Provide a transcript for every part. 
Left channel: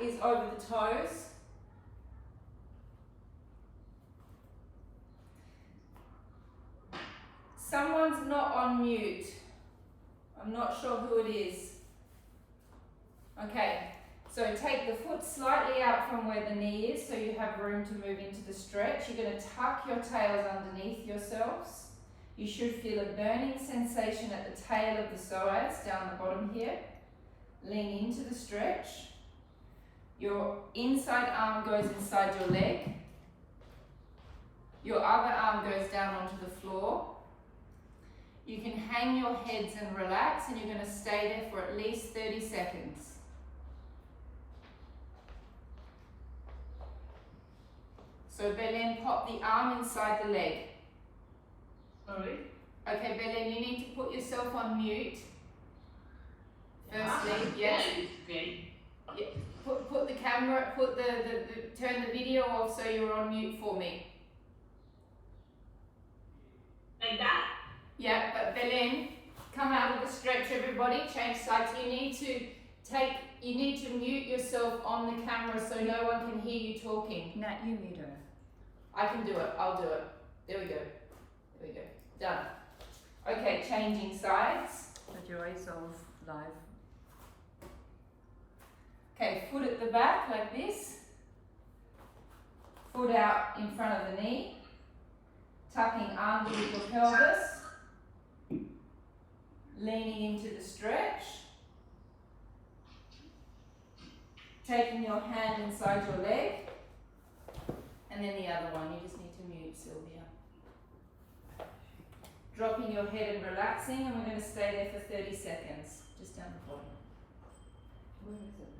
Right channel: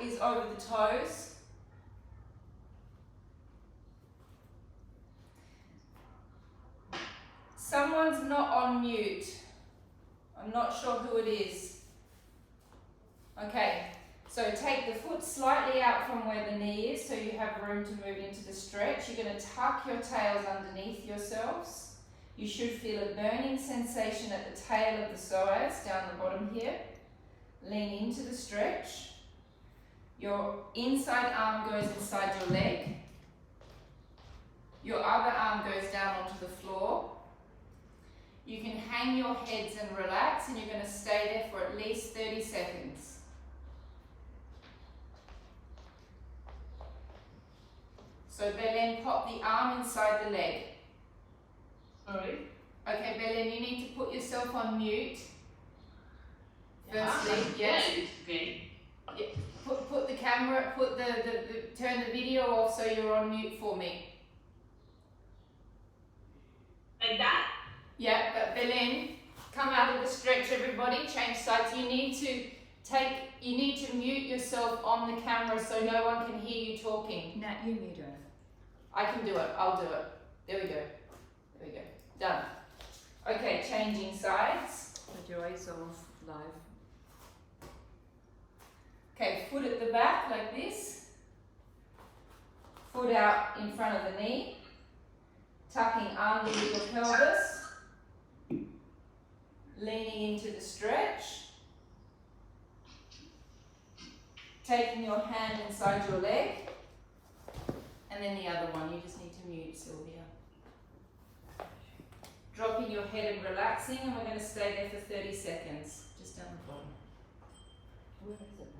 is over the toes. Someone's not on mute. I'm not sure who it is. Okay, so take the foot slightly out from where the knee is so you have room to move into the stretch. You're going to tuck your tails underneath yourselves. You should feel a burning sensation at the tail of the psoas down the bottom here. Lean into the stretch. Your inside arm goes inside your leg. Your other arm goes down onto the floor. You can hang your heads and relax, and you're going to stay there for at least 30 seconds. So Belen, pop the arm inside the leg. Sorry? Okay, Belen, you need to put yourself on mute. Firstly, yes. Okay. Yeah. Put the camera, turn the video off so you're on mute for me. Like that? Yeah, but Belen, come out of the stretch, everybody, change sides. You need to mute yourself on the camera so no one can hear you talking. Nat, you mute her. I can do it, I'll do it. There we go. There we go. Done. Okay, changing sides. Put your eyes off live. Okay, foot at the back like this. Foot out in front of the knee. Tucking underneath your pelvis. Leaning into the stretch. Taking your hand inside your leg. And then the other one, you just need to mute, Sylvia. Dropping your head and relaxing, and we're going to stay there for 30 seconds, just down the bottom. Where is it?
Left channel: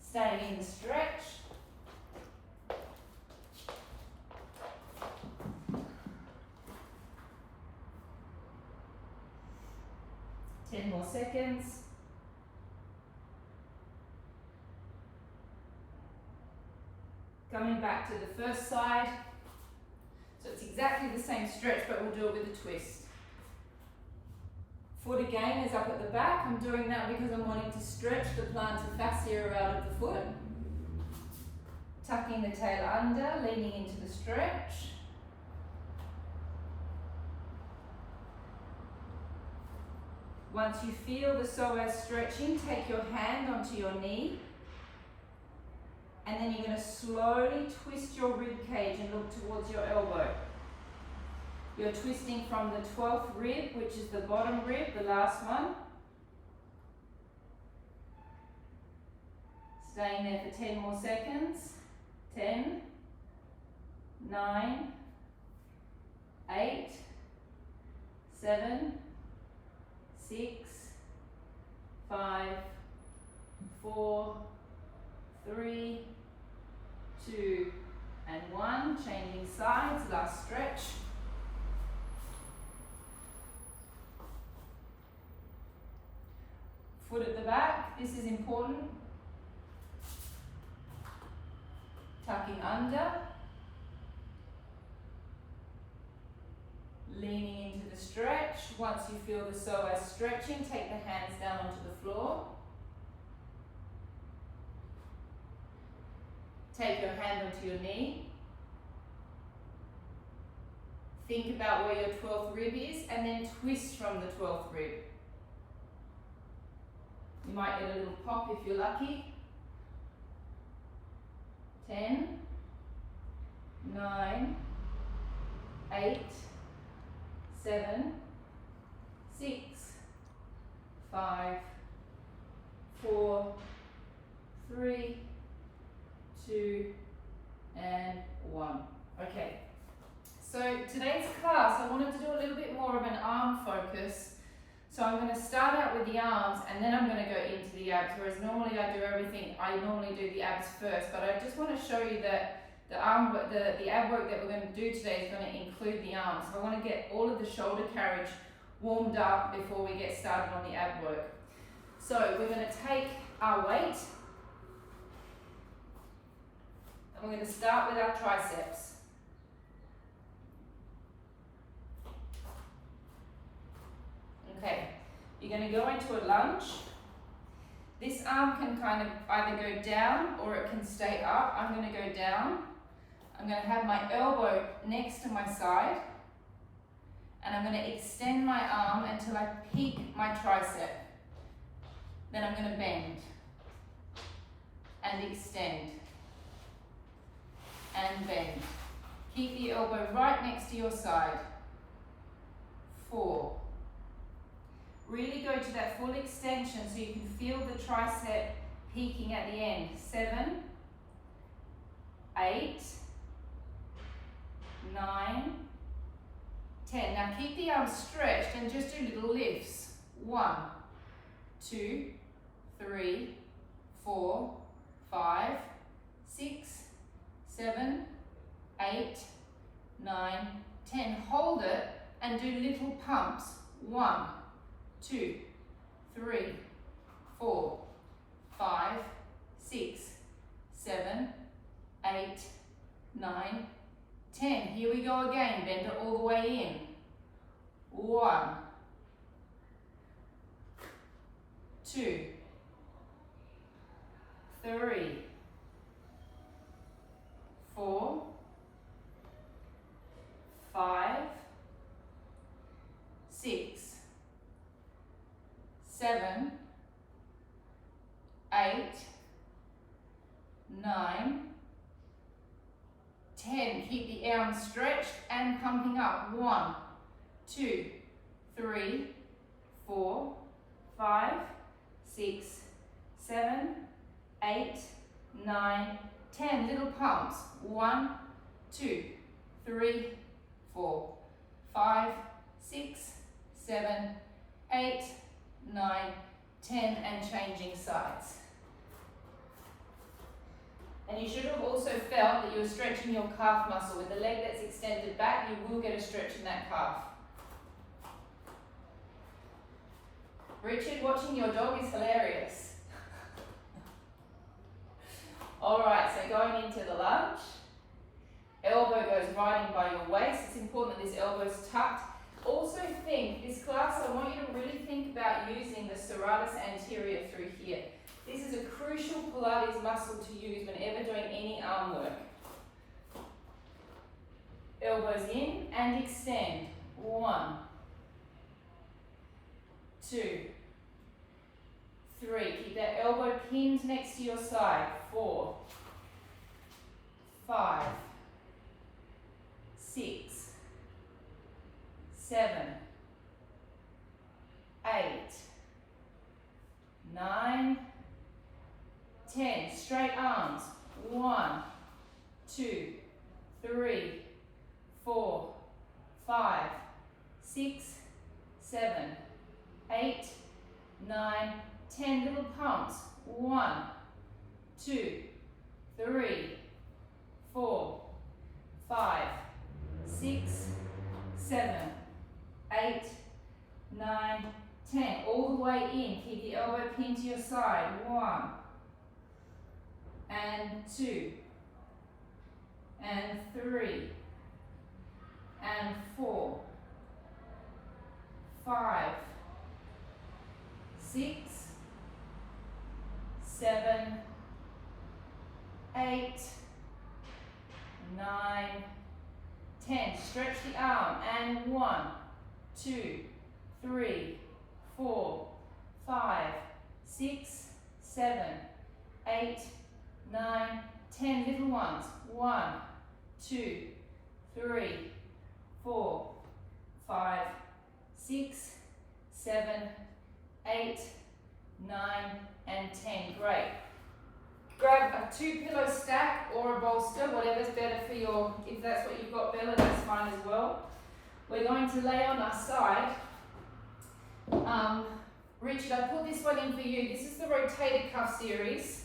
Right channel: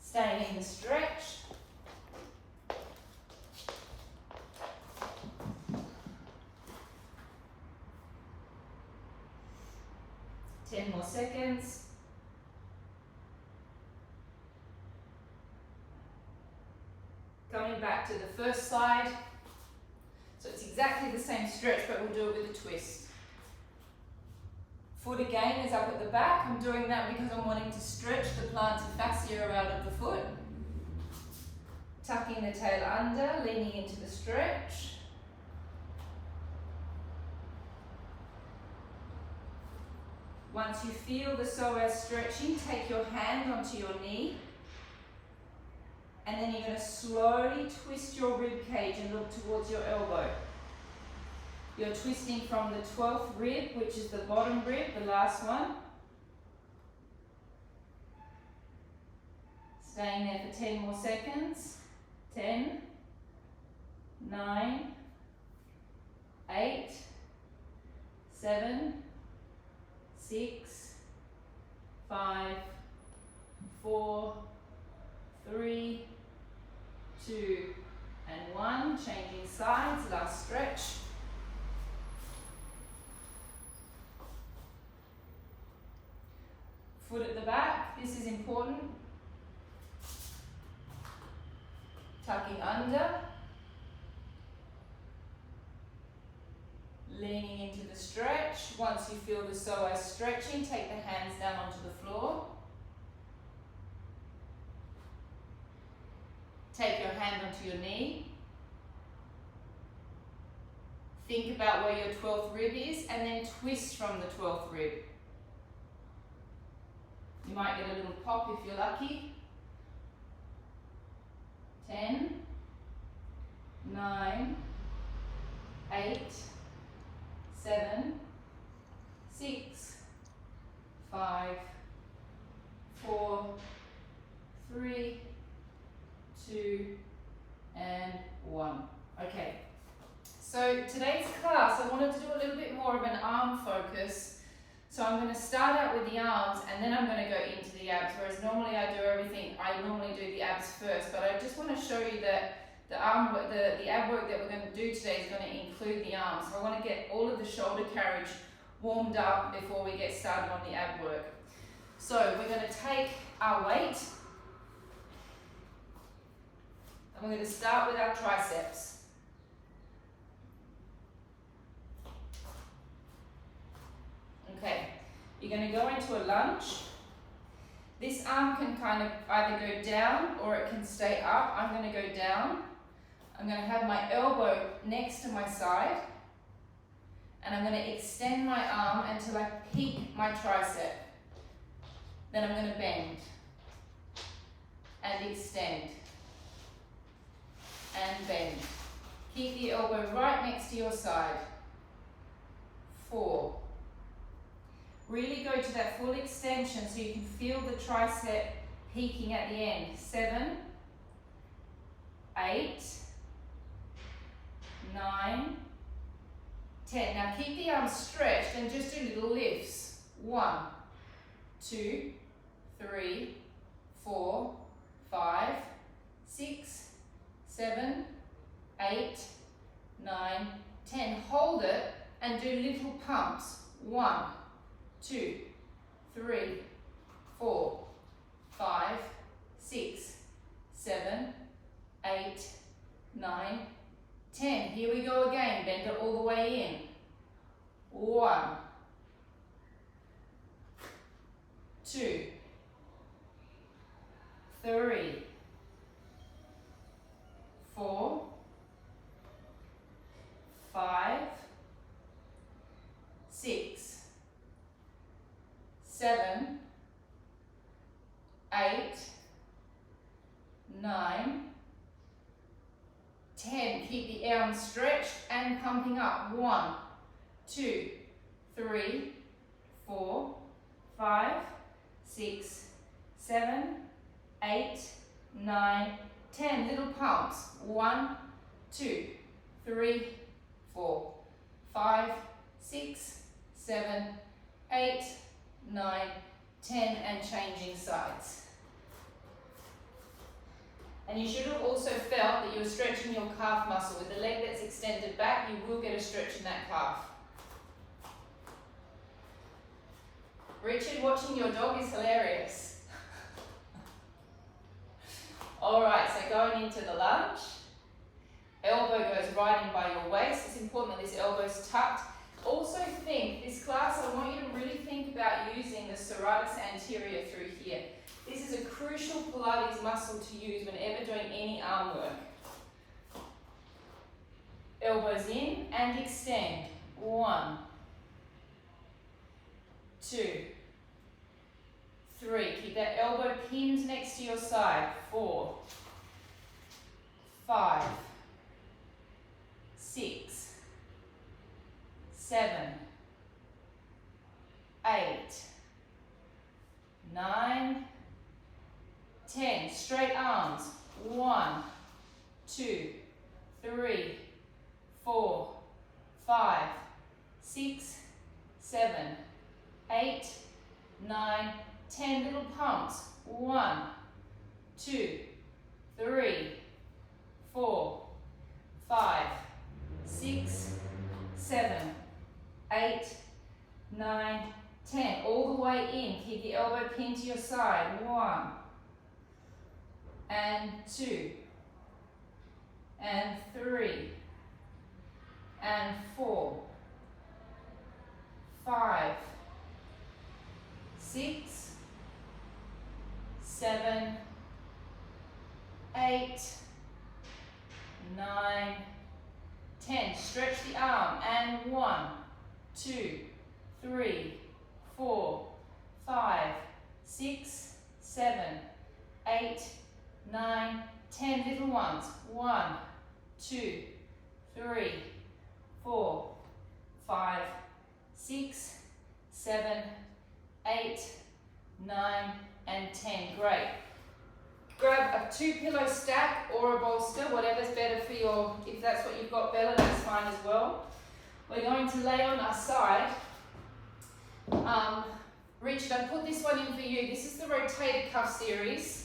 Staying in the stretch. Ten more seconds. Coming back to the first side. So it's exactly the same stretch, but we'll do it with a twist. Foot again is up at the back. I'm doing that because I'm wanting to stretch the plantar fascia out of the foot. Tucking the tail under, leaning into the stretch. Once you feel the psoas stretching, take your hand onto your knee. And then you're going to slowly twist your rib cage and look towards your elbow. You're twisting from the 12th rib, which is the bottom rib, the last one. Staying there for 10 more seconds. 10, 9, 8, 7, 6, 5, 4, 3, 2, and 1. Changing sides, last stretch. Foot at the back, this is important. Tucking under. Leaning into the stretch. Once you feel the psoas stretching, take the hands down onto the floor. Take your hand onto your knee. Think about where your 12th rib is and then twist from the 12th rib. You might get a little pop if you're lucky. 10, 9, 8, 7, 6, 5, 4, 3, 2, and 1. Okay, so today's class I wanted to do a little bit more of an arm focus. So I'm going to start out with the arms and then I'm going to go into the abs, whereas normally I normally do the abs first, but I just want to show you that the ab work that we're going to do today is going to include the arms. So I want to get all of the shoulder carriage warmed up before we get started on the ab work. So we're going to take our weight and we're going to start with our triceps. Okay, you're going to go into a lunge. This arm can kind of either go down or it can stay up. I'm going to go down. I'm going to have my elbow next to my side. And I'm going to extend my arm until I peak my tricep. Then I'm going to bend. And extend. And bend. Keep the elbow right next to your side. 4. Really go to that full extension so you can feel the tricep peaking at the end. 7, 8, 9, 10. Now keep the arms stretched and just do little lifts. 1, 2, 3, 4, 5, 6, 7, 8, 9, 10. Hold it and do little pumps. 1, 2, 3, 4, 5, 6, 7, 8, 9, 10. Here we go again. Bend it all the way in. 1, 2, 3, 4, 5, 6, 7, 8, 9, 10. Keep the arms stretched and pumping up. 1, 2, 3, 4, 5, 6, 7, 8, 9, 10. Little pumps. 1, 2, 3, 4, 5, 6, 7, 8, 9, 10, and changing sides. And you should have also felt that you're stretching your calf muscle. With the leg that's extended back, you will get a stretch in that calf. Richard, watching your dog is hilarious. Alright, so going into the lunge. Elbow goes right in by your waist. It's important that this elbow's tucked. Also think, this class, I want you to really think about using the serratus anterior through here. This is a crucial Pilates muscle to use whenever doing any arm work. Elbows in and extend. 1, 2, 3. Keep that elbow pinned next to your side. 4, 5, 6, 7, 8, 9, 10. Straight arms. 1, 2, 3, 4, 5, 6, 7, 8, 9, 10. Little pumps. 1, 2, 3, 4, 5, 6, 7, 8, 9, 10. All the way in. Keep the elbow pinned to your side. 1, and 2, and 3, and 4, 5, 6, 7, 8, 9, 10. Stretch the arm. And 1, 2, 3, 4, 5, 6, 7, 8, 9, 10. Little ones. 1, 2, 3, 4, 5, 6, 7, 8, 9, and 10. Great. Grab a 2-pillow stack or a bolster, whatever's better for your, if that's what you've got better, that's fine as well. We're going to lay on our side. Richard, I put this one in for you. This is the rotator cuff series.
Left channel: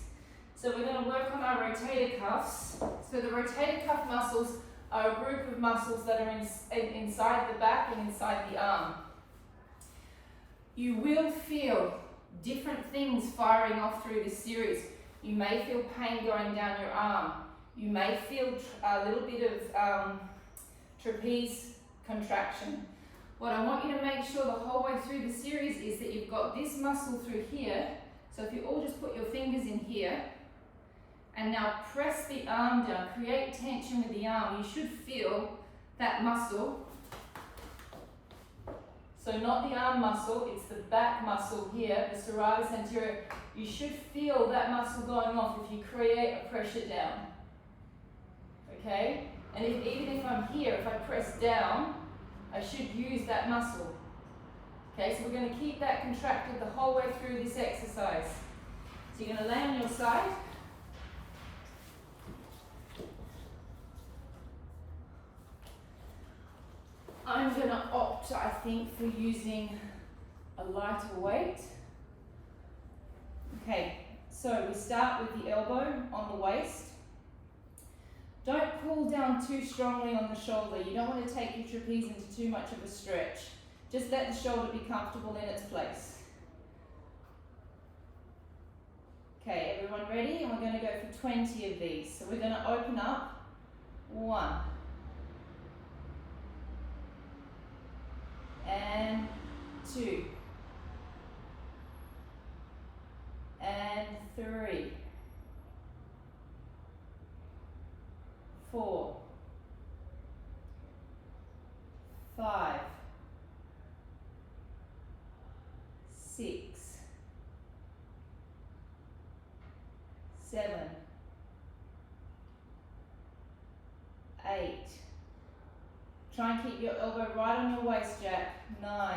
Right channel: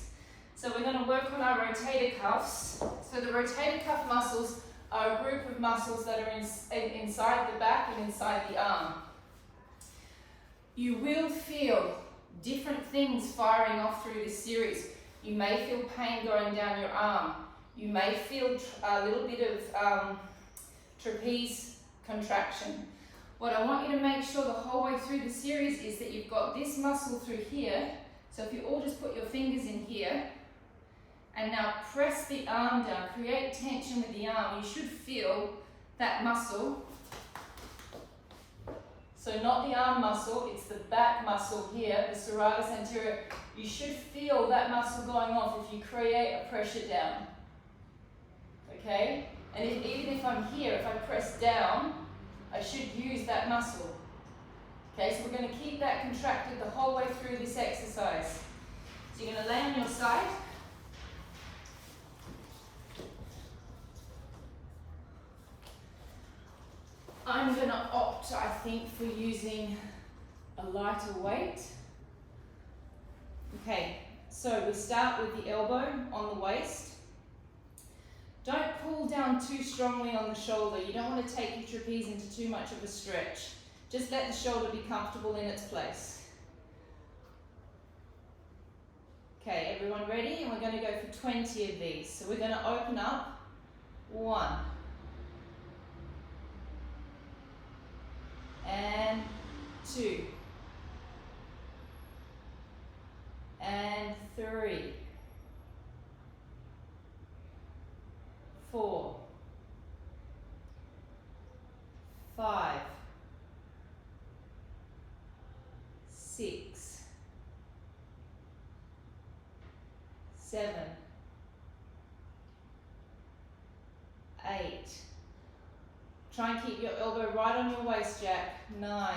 So we're going to work on our rotator cuffs. So the rotator cuff muscles are a group of muscles that are inside the back and inside the arm. You will feel different things firing off through this series. You may feel pain going down your arm. You may feel a little bit of trapeze contraction. What I want you to make sure the whole way through the series is that you've got this muscle through here, So if you all just put your fingers in here, and now press the arm down, create tension with the arm. You should feel that muscle. So not the arm muscle, it's the back muscle here, the serratus anterior. You should feel that muscle going off if you create a pressure down. Okay? And even if I'm here, if I press down, I should use that muscle. Okay, so we're going to keep that contracted the whole way through this exercise. So you're going to lay on your side. I'm going to opt, I think, for using a lighter weight. Okay, so we start with the elbow on the waist. Don't pull down too strongly on the shoulder. You don't want to take your trapeze into too much of a stretch. Just let the shoulder be comfortable in its place. Okay, everyone ready? And we're going to go for 20 of these. So we're going to open up. 1. And 2. And 3. 4. 5. 6. 7. 8. Try and keep your elbow right on your waist, Jack. 9.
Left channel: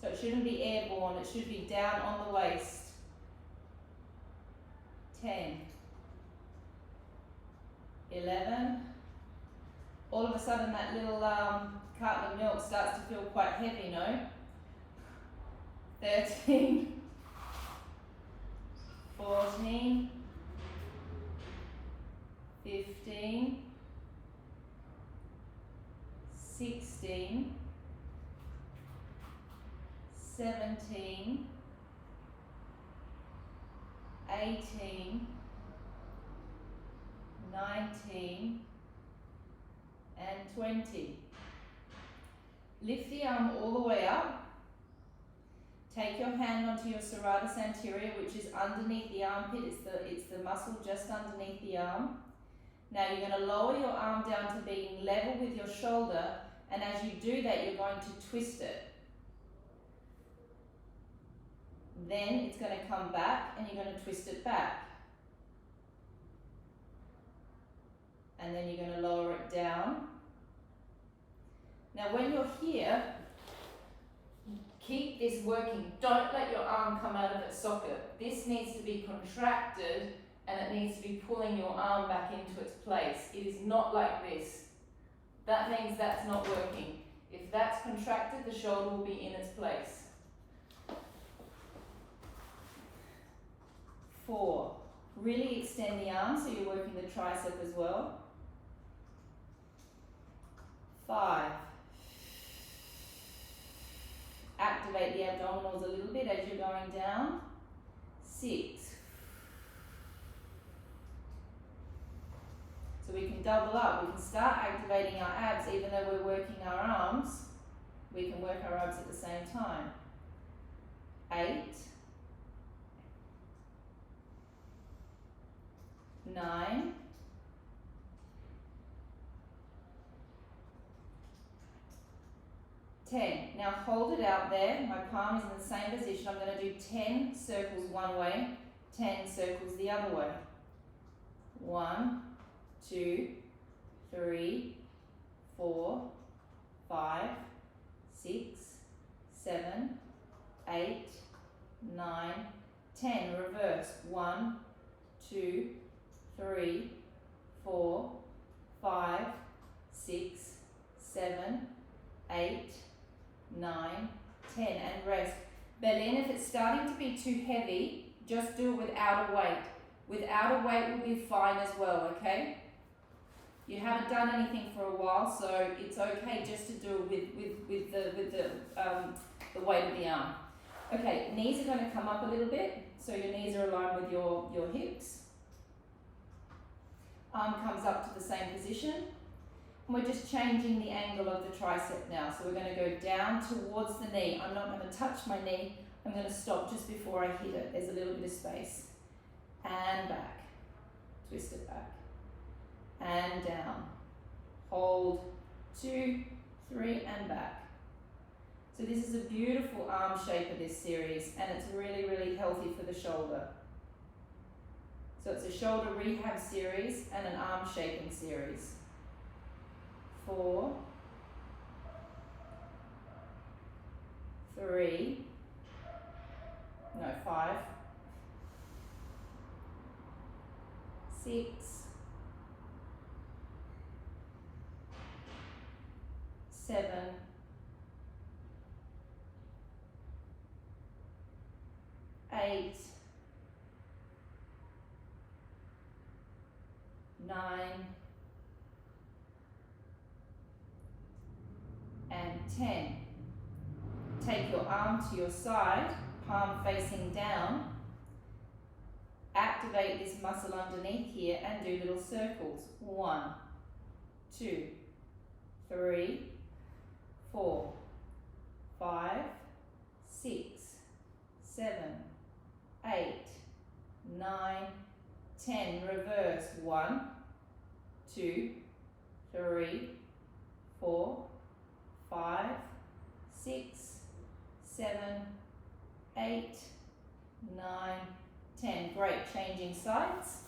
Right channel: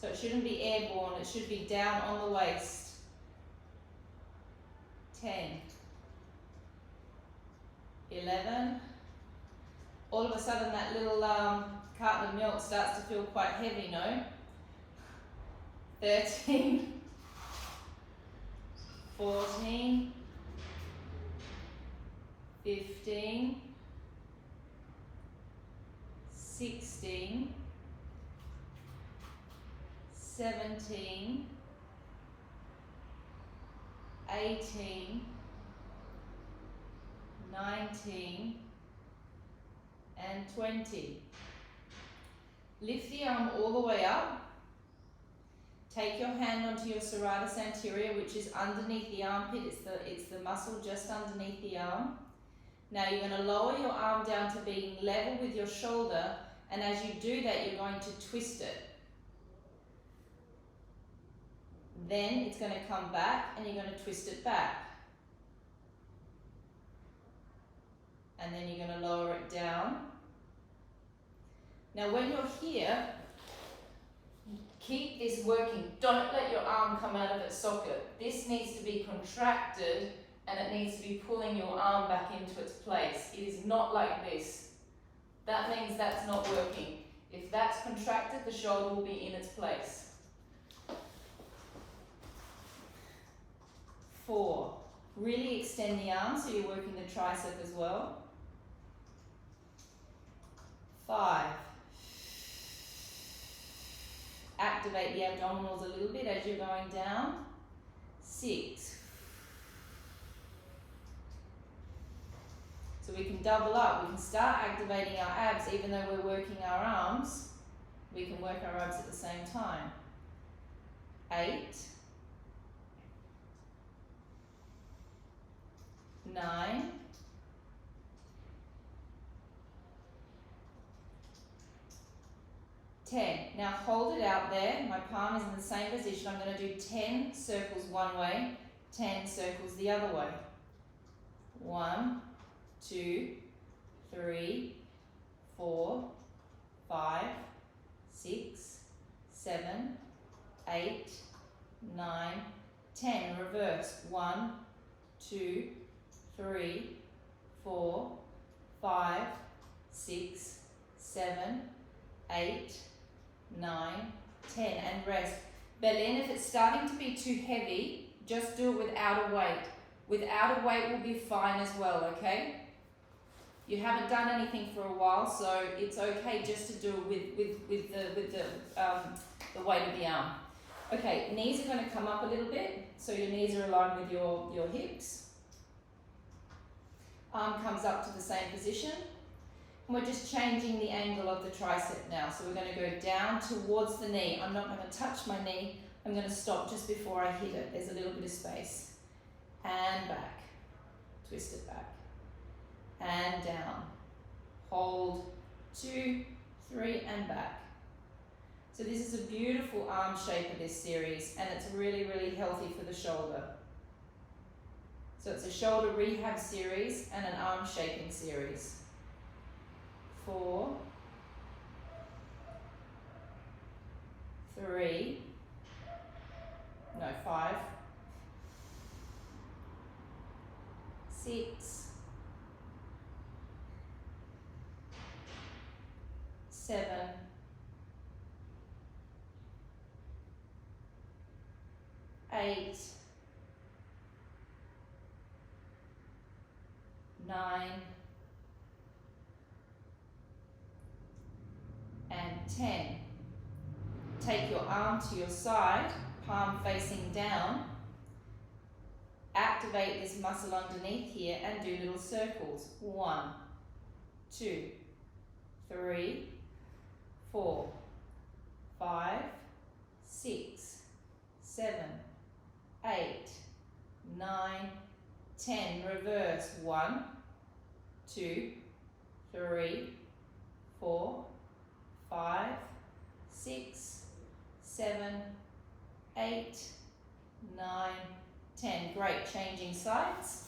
So it shouldn't be airborne, it should be down on the waist. 10. 11. All of a sudden that little carton of milk starts to feel quite heavy, no? 13. 14. 15. 16. 17. 18. 19. And 20. Lift the arm all the way up. Take your hand onto your serratus anterior, which is underneath the armpit. It's the muscle just underneath the arm. Now you're going to lower your arm down to being level with your shoulder, and as you do that, you're going to twist it. Then it's going to come back, and you're going to twist it back. And then you're going to lower it down. Now when you're here, keep this working. Don't let your arm come out of its socket. This needs to be contracted, and it needs to be pulling your arm back into its place. It is not like this. That means that's not working. If that's contracted, the shoulder will be in its place. 4. Really extend the arm so you're working the tricep as well. 5. Activate the abdominals a little bit as you're going down. 6. So we can double up. We can start activating our abs even though we're working our arms. We can work our abs at the same time. 8. 9. 10. Now hold it out there. My palm is in the same position. I'm going to do 10 circles one way, 10 circles the other way. 1, 2, 3, 4, 5, 6, 7, 8, 9, 10. Reverse. 1, 2, 3, 4, 5, 6, 7, 8, 9, 10, and rest. Berlin, if it's starting to be too heavy, just do it without a weight. Without a weight will be fine as well, okay? You haven't done anything for a while, so it's okay just to do it with the weight of the arm. Okay, knees are going to come up a little bit, so your knees are aligned with your hips. Arm comes up to the same position. And we're just changing the angle of the tricep now. So we're going to go down towards the knee. I'm not going to touch my knee. I'm going to stop just before I hit it. There's a little bit of space. And back. Twist it back. And down. Hold. 2, 3, and back. So this is a beautiful arm shape of this series, and it's really, really healthy for the shoulder. So it's a shoulder rehab series and an arm shaping series. 4, 3, no, 5, 6, 7, 8, 9, and 10. Take your arm to your side, palm facing down. Activate this muscle underneath here and do little circles. 1, 2, 3, 4, 5, 6, 7, 8, 9, 10. Reverse. 1, 2, 3, 4, 5, 6, 7, 8, 9, 10. Great. Changing sides.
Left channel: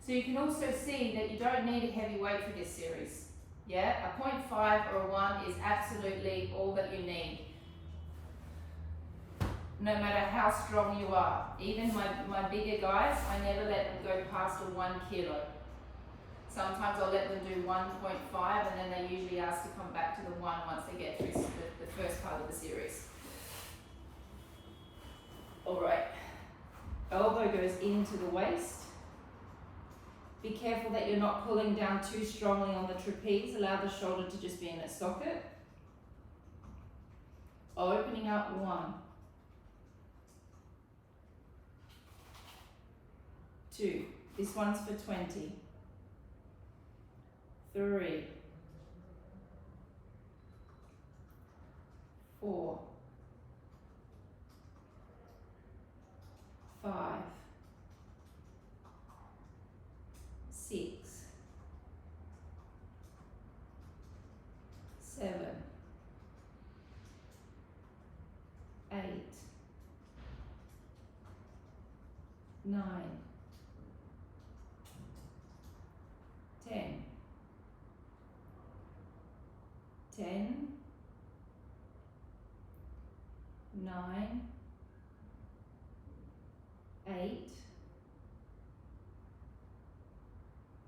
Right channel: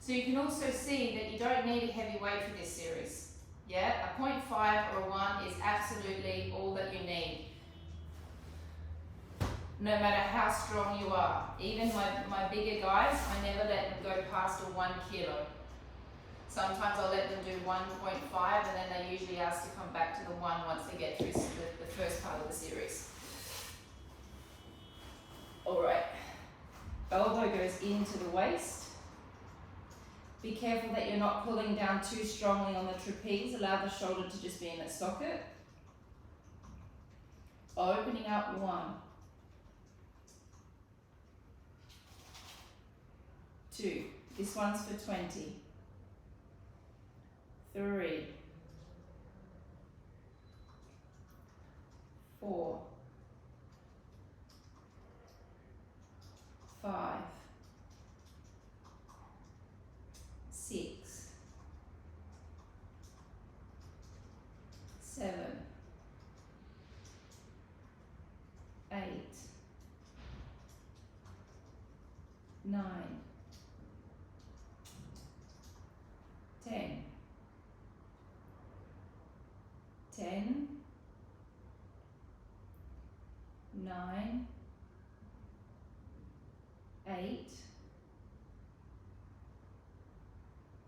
So you can also see that you don't need a heavy weight for this series. Yeah, a 0.5 or a 1 is absolutely all that you need. No matter how strong you are. Even my bigger guys, I never let them go past a 1 kilo. Sometimes I'll let them do 1.5 and then they usually ask to come back to the 1 once they get through the first part of the series. Alright, elbow goes into the waist. Be careful that you're not pulling down too strongly on the trapeze. Allow the shoulder to just be in its socket. Opening up. 1, 2, this one's for 20. 3, 4, 5, 6, 7, 8, 9, 10, 10, 9, 8,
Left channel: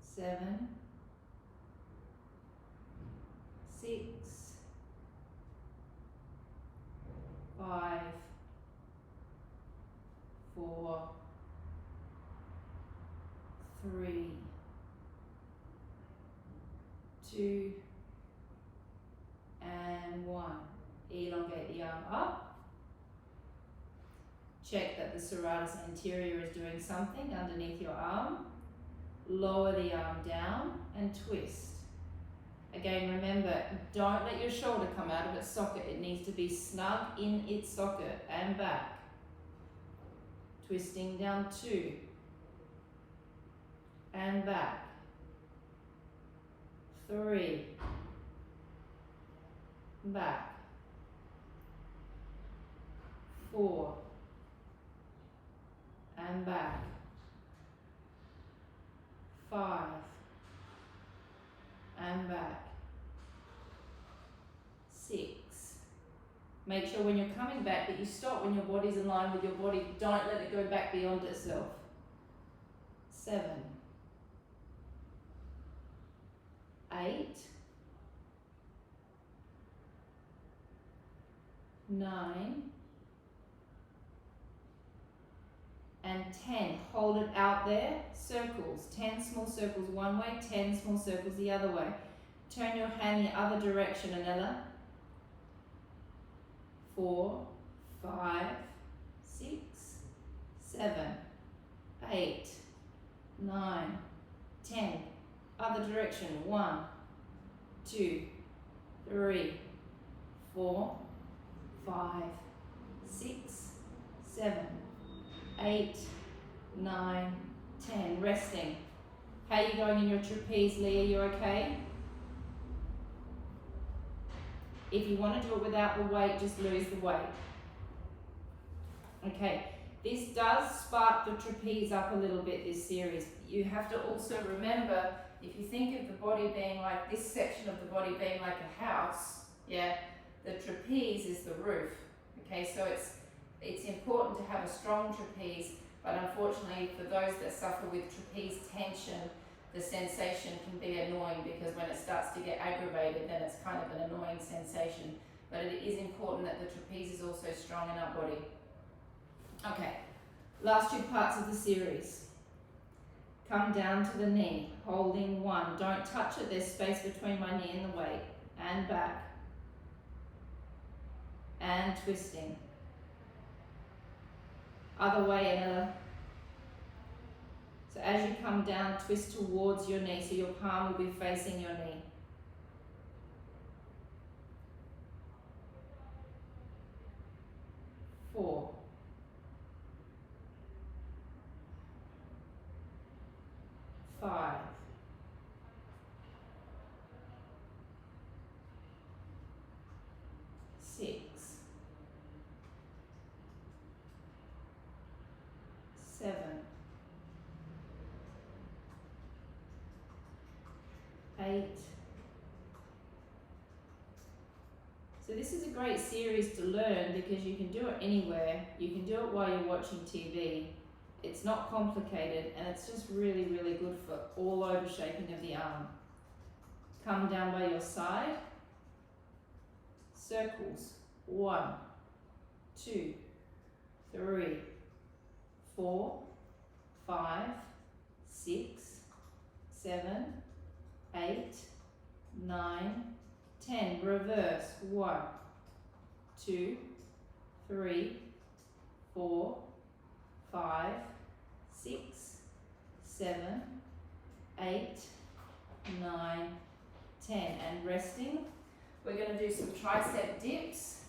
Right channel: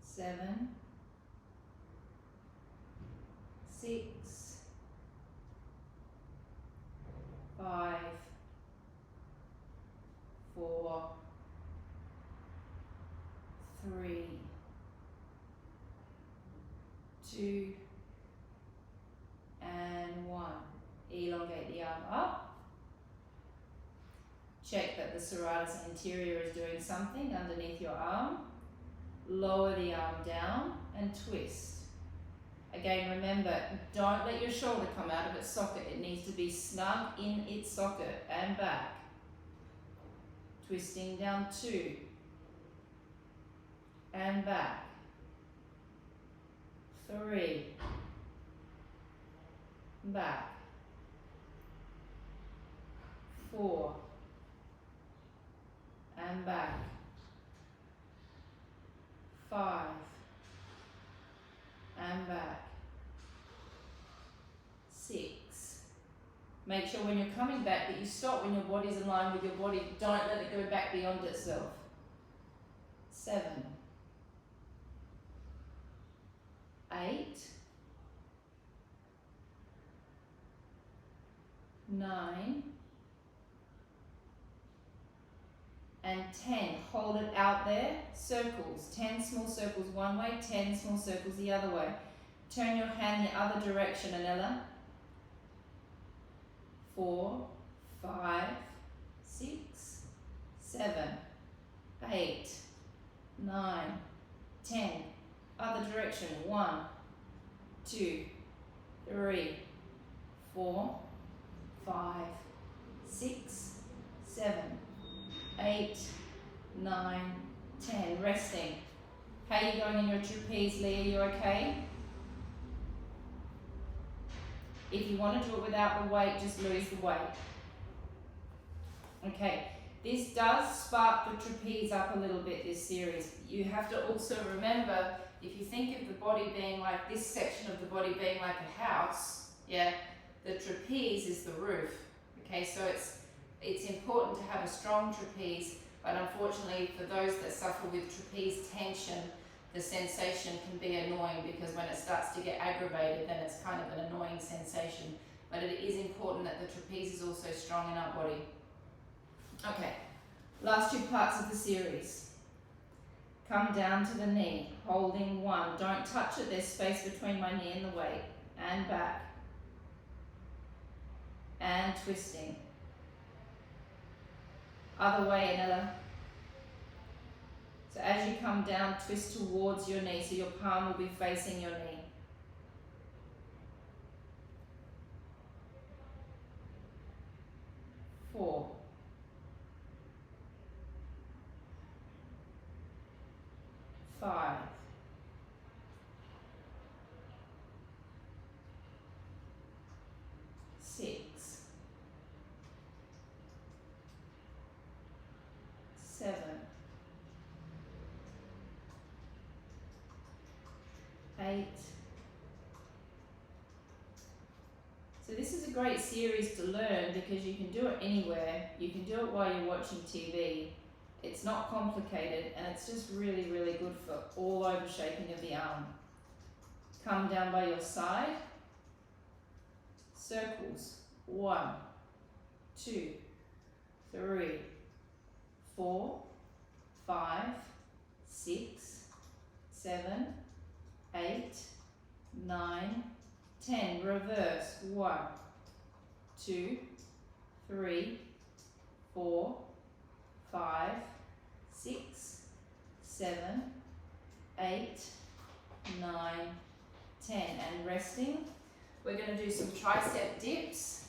7, 6, 5, 4, 3, 2, and 1. Elongate the arm up. Check that the serratus anterior is doing something underneath your arm. Lower the arm down and twist. Again, remember, don't let your shoulder come out of its socket. It needs to be snug in its socket and back. Twisting down 2 and back. 3, back. 4 and back. 5 and back. 6. Make sure when you're coming back that you stop when your body's in line with your body. Don't let it go back beyond itself. 7, 8, 9, and 10. Hold it out there. Circles. 10 small circles one way, 10 small circles the other way. Turn your hand the other direction, Anella. 4, 5, 6, 7, 8, 9, 10. Other direction. 1, 2, 3, 4, 5, 6, 7, 8, 9, 10. Resting. How are you going in your trapeze, Leah? You okay? If you want to do it without the weight, just lose the weight. Okay, this does spark the trapeze up a little bit, this series. You have to also remember, if you think of the body being like, this section of the body being like a house, yeah, the trapeze is the roof. Okay, so it's important to have a strong trapeze, but unfortunately for those that suffer with trapeze tension, the sensation can be annoying, because when it starts to get aggravated, then it's kind of an annoying sensation. But it is important that the trapeze is also strong in our body. Okay, last two parts of the series. Come down to the knee, holding 1. Don't touch it, there's space between my knee and the weight. And back. And twisting. Other way, Anella. So as you come down, twist towards your knee, so your palm will be facing your knee. Four. 5. 6. 7. 8. So this is a great series to learn, because you can do it anywhere. You can do it while you're watching TV. It's not complicated, and it's just really, really good for all over shaping of the arm. Come down by your side. Circles. 1, 2, 3, 4, 5, 6, 7, 8, 9, 10. Reverse. 1, 2, 3, 4, 5, 6, 7, 8, 9, 10. And resting. We're going to do some tricep dips.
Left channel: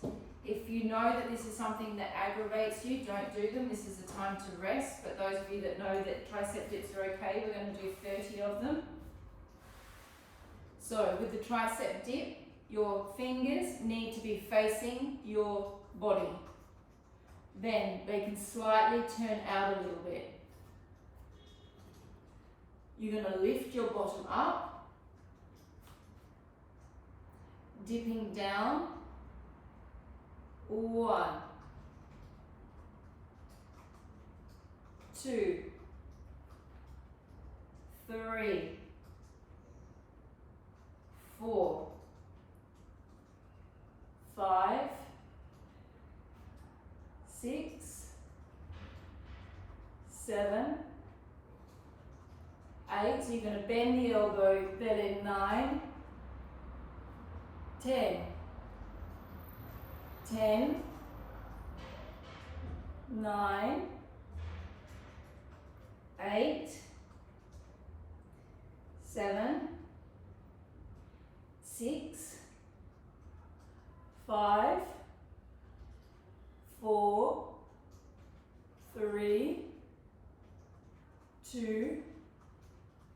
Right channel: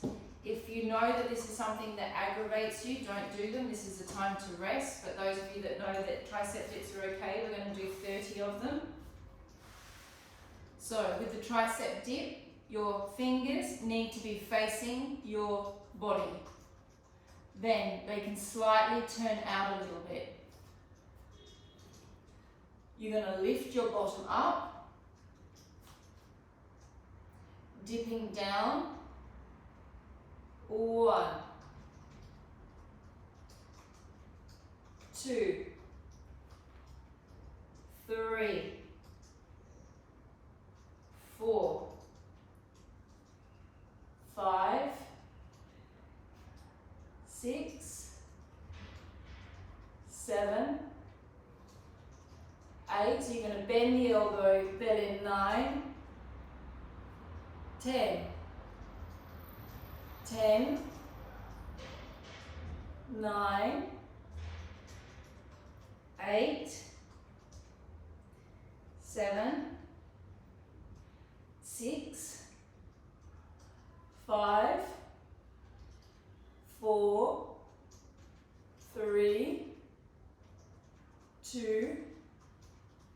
If you know that this is something that aggravates you, don't do them. This is a time to rest. But those of you that know that tricep dips are okay, we're going to do 30 of them. So with the tricep dip, your fingers need to be facing your body. Then they can slightly turn out a little bit. You're going to lift your bottom up, dipping down. 1, 2, 3, 4, 5, 6, 7, 8. So you're going to bend the elbow, belly. 9, 10. 10, 9, 8, 7, 6, 5, 4, 3, 2,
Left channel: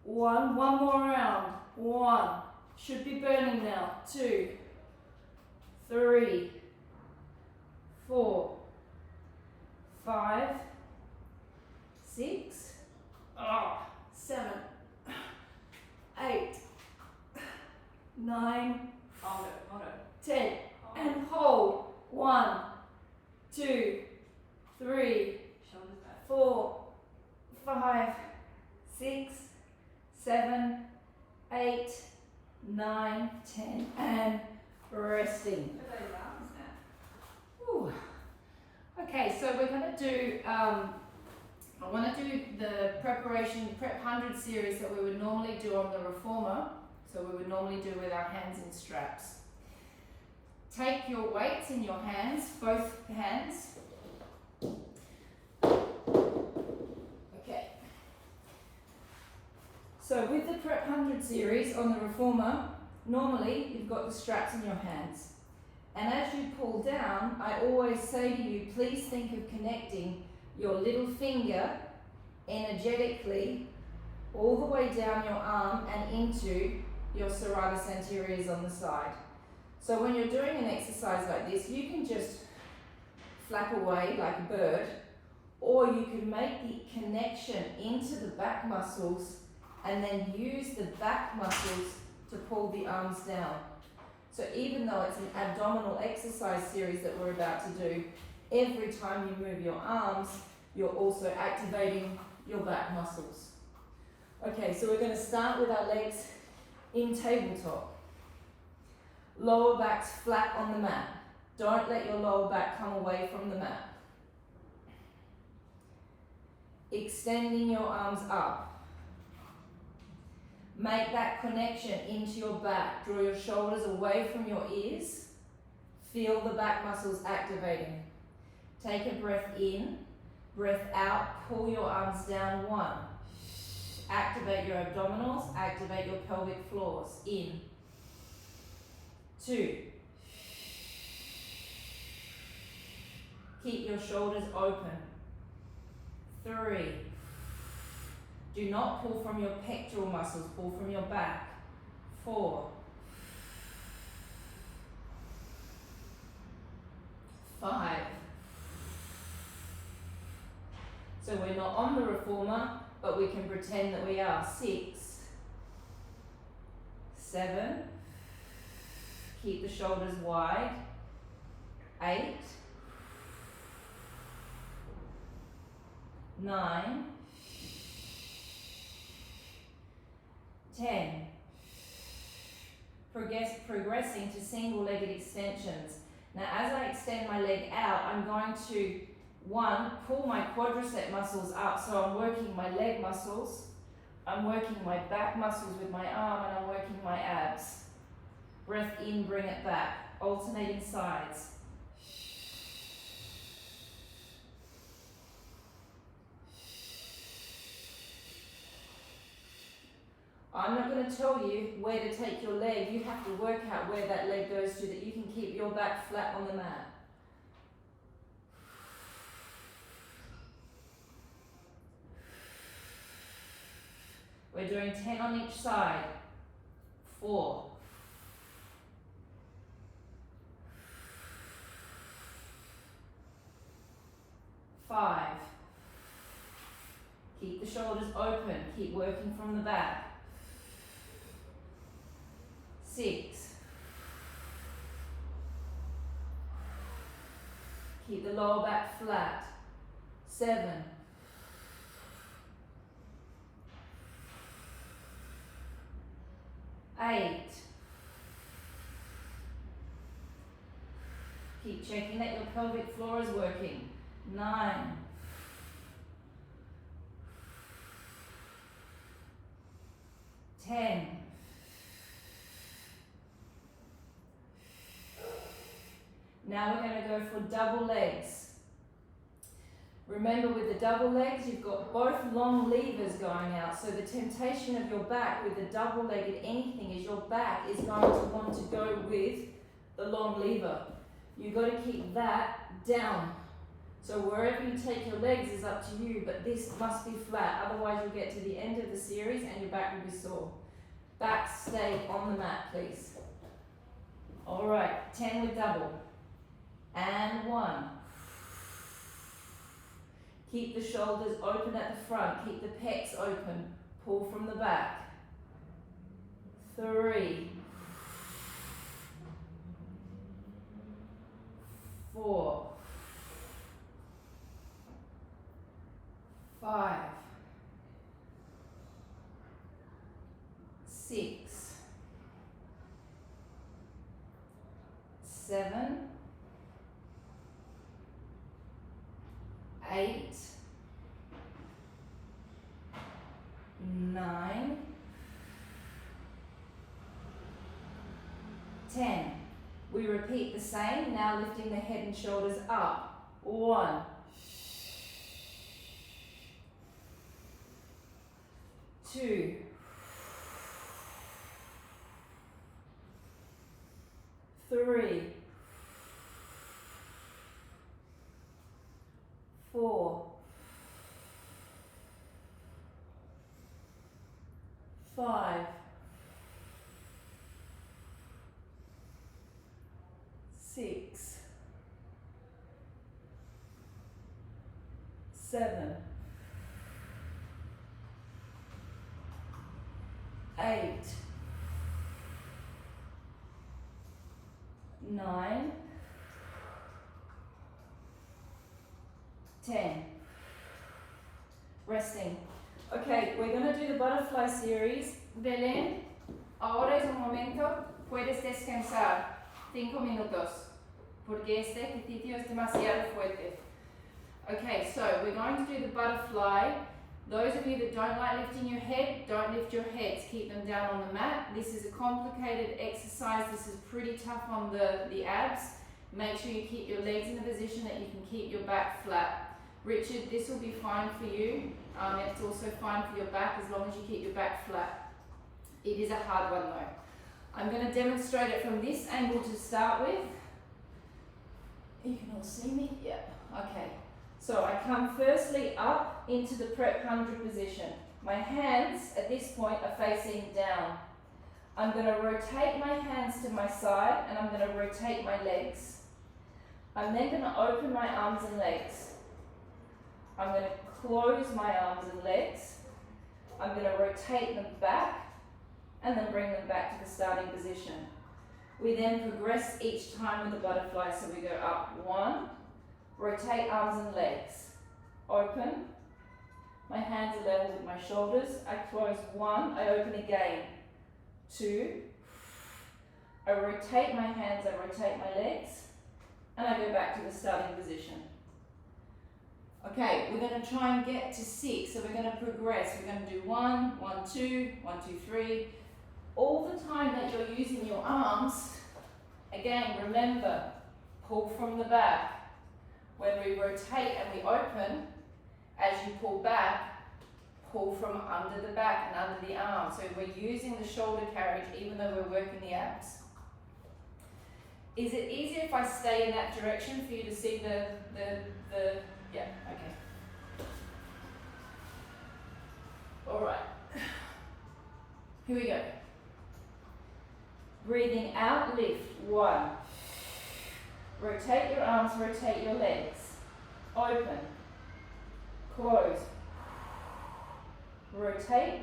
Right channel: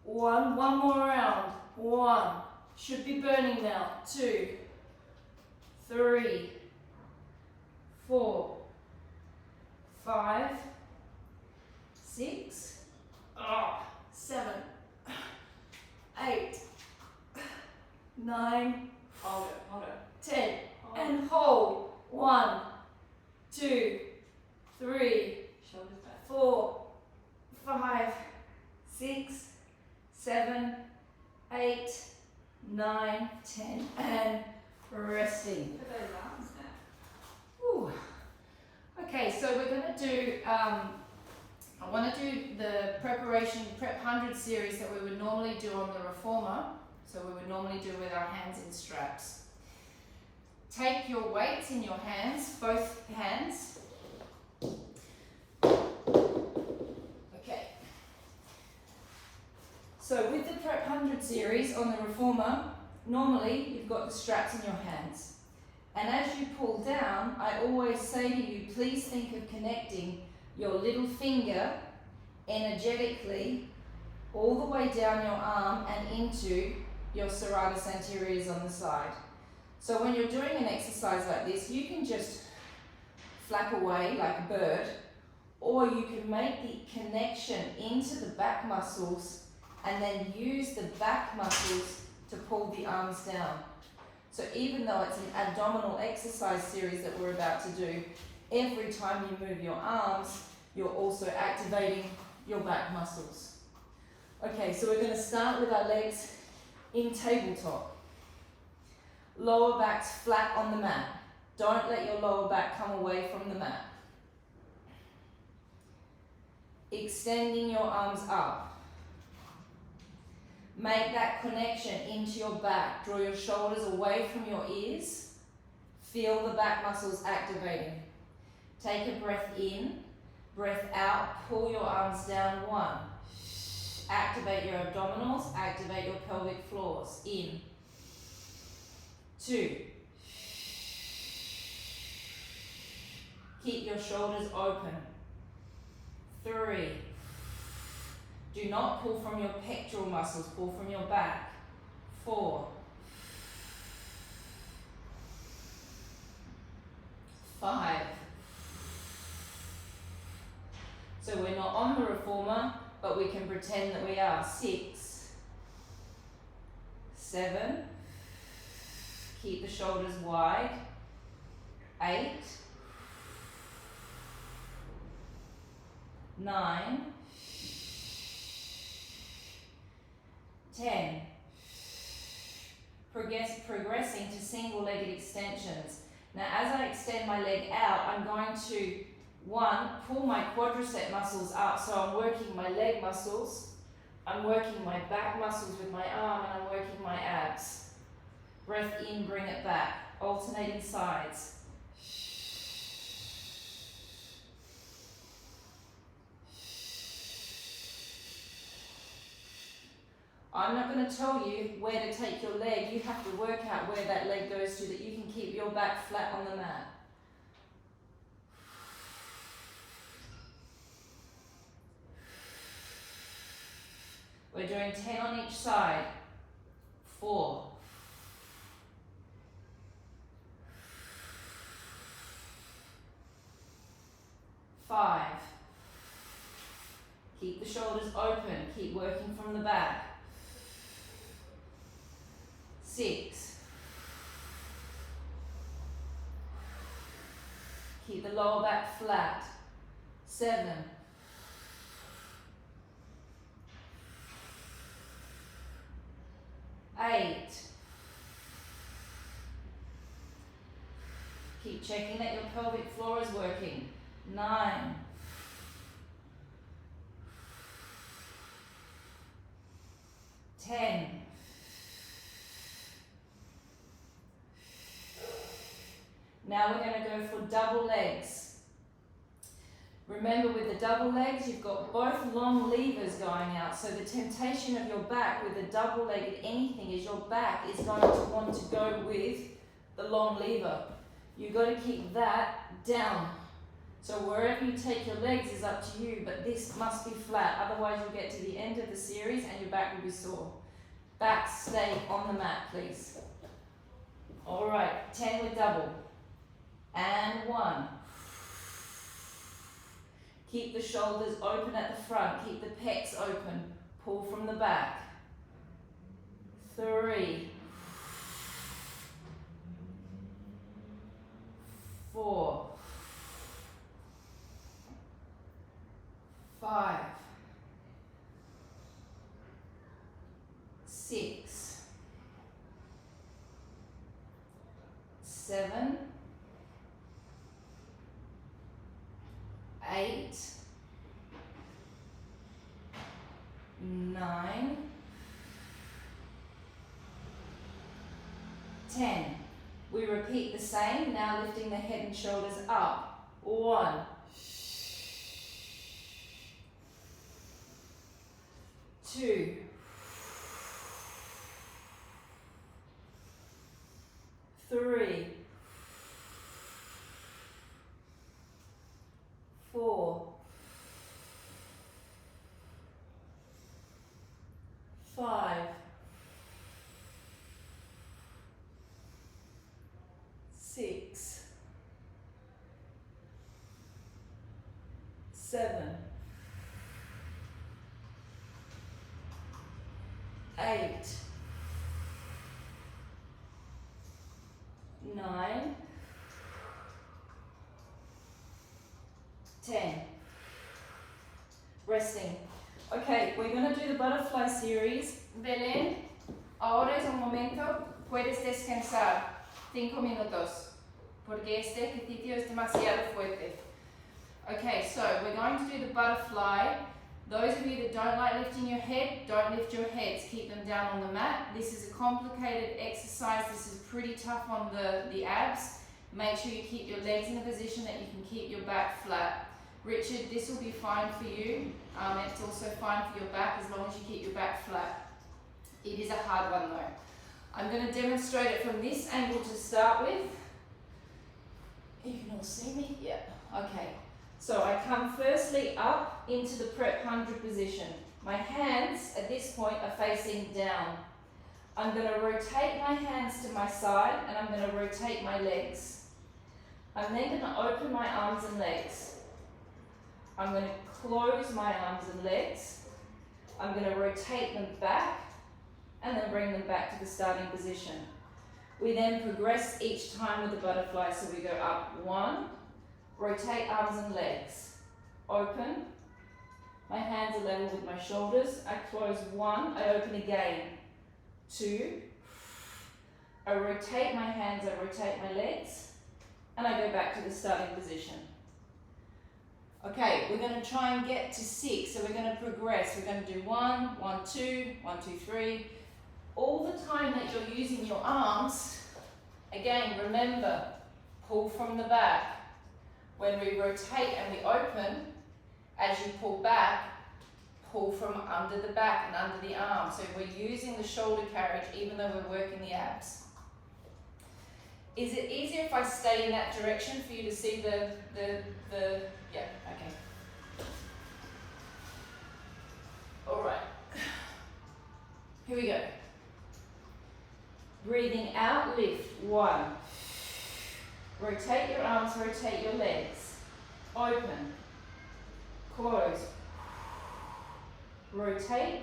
1. One more round. 1. Should be burning now. 2, 3, 4, 5, 6, 7, 8, 9, Hold it. 10. And hold. 1, 2, 3, Shoulders back. 4, 5, 6, 7, 8, 9, 10. And resting. Look at those arms now. Whew. Okay, so we're going to do, I want to do the Prep 100 series that we would normally do on the reformer. So we would normally do with our hands in straps. Take your weights in your hands, both hands. Okay. So with the Prep 100 series on the reformer, normally you've got the straps in your hands. And as you pull down, I always say to you, please think of connecting your little finger energetically all the way down your arm and into your serratus anteriors on the side. So when you're doing an exercise like this, you can just flap away like a bird, or you can make the connection into the back muscles and then use the back muscles to pull the arms down. So even though it's an abdominal exercise series that we're about to do, every time you move your arms, you're also activating your back muscles. Okay, so we're going to start with our legs in tabletop. Lower back's flat on the mat. Don't let your lower back come away from the mat. Extending your arms up. Make that connection into your back. Draw your shoulders away from your ears. Feel the back muscles activating. Take a breath in, breath out, pull your arms down. 1. Activate your abdominals, activate your pelvic floors. In. 2. Keep your shoulders open. 3. Do not pull from your pectoral muscles, pull from your back. 4. 5. So we're not on the reformer, but we can pretend that we are. 6. 7. Keep the shoulders wide. 8. 9. 10. Progressing to single-legged extensions. Now, as I extend my leg out, I'm going to, 1, pull my quadricep muscles up, so I'm working my leg muscles, I'm working my back muscles with my arm, and I'm working my abs. Breath in, bring it back, alternating sides. I'm not going to tell you where to take your leg. You have to work out where that leg goes to, that you can keep your back flat on the mat. We're doing 10 on each side. 4. 5. Keep the shoulders open. Keep working from the back. 6. Keep the lower back flat. 7. 8. Keep checking that your pelvic floor is working. 9. 10. 'Now we're going to go for double legs. Remember, with the double legs, you've got both long levers going out. So the temptation of your back with a double-legged anything is your back is going to want to go with the long lever. You've got to keep that down. So wherever you take your legs is up to you, but this must be flat. Otherwise, you'll get to the end of the series and your back will be sore. Back stay on the mat, please. All right, 10 with double. And 1. Keep the shoulders open at the front. Keep the pecs open. Pull from the back. 3. 4. 5. 6. 7. 8. 9. 10. We repeat the same, now lifting the head and shoulders up. 1. 2. 3. 5, 6, 7, 8, 9, 10. Resting. Okay, we're going to do the butterfly series. Belén, ahora es un momento, puedes descansar 5 minutos, porque este ejercicio es demasiado fuerte. Okay, so we're going to do the butterfly. Those of you that don't like lifting your head, don't lift your heads, keep them down on the mat. This is a complicated exercise. This is pretty tough on the abs. Make sure you keep your legs in a position that you can keep your back flat. Richard, this will be fine for you. It's also fine for your back as long as you keep your back flat. It is a hard one though. I'm going to demonstrate it from this angle to start with. You can all see me? Yeah. Okay. So I come firstly up into the prep 100 position. My hands at this point are facing down. I'm going to rotate my hands to my side and I'm going to rotate my legs. I'm then going to open my arms and legs. I'm going to close my arms and legs. I'm going to rotate them back and then bring them back to the starting position. We then progress each time with the butterfly. So we go up 1, rotate arms and legs, open, my hands are level with my shoulders, I close 1, I open again, 2, I rotate my hands, I rotate my legs, and I go back to the starting position. Okay, we're going to try and get to 6, so we're going to progress. We're going to do 1, 1, 2, 1, 2, 3. All the time that you're using your arms, again, remember, pull from the back. When we rotate and we open, as you pull back, pull from under the back and under the arm. So we're using the shoulder carriage even though we're working the abs. Is it easier if I stay in that direction for you to see the yeah, okay. All right. Here we go. Breathing out, lift. 1. Rotate your arms, rotate your legs. Open. Close. Rotate.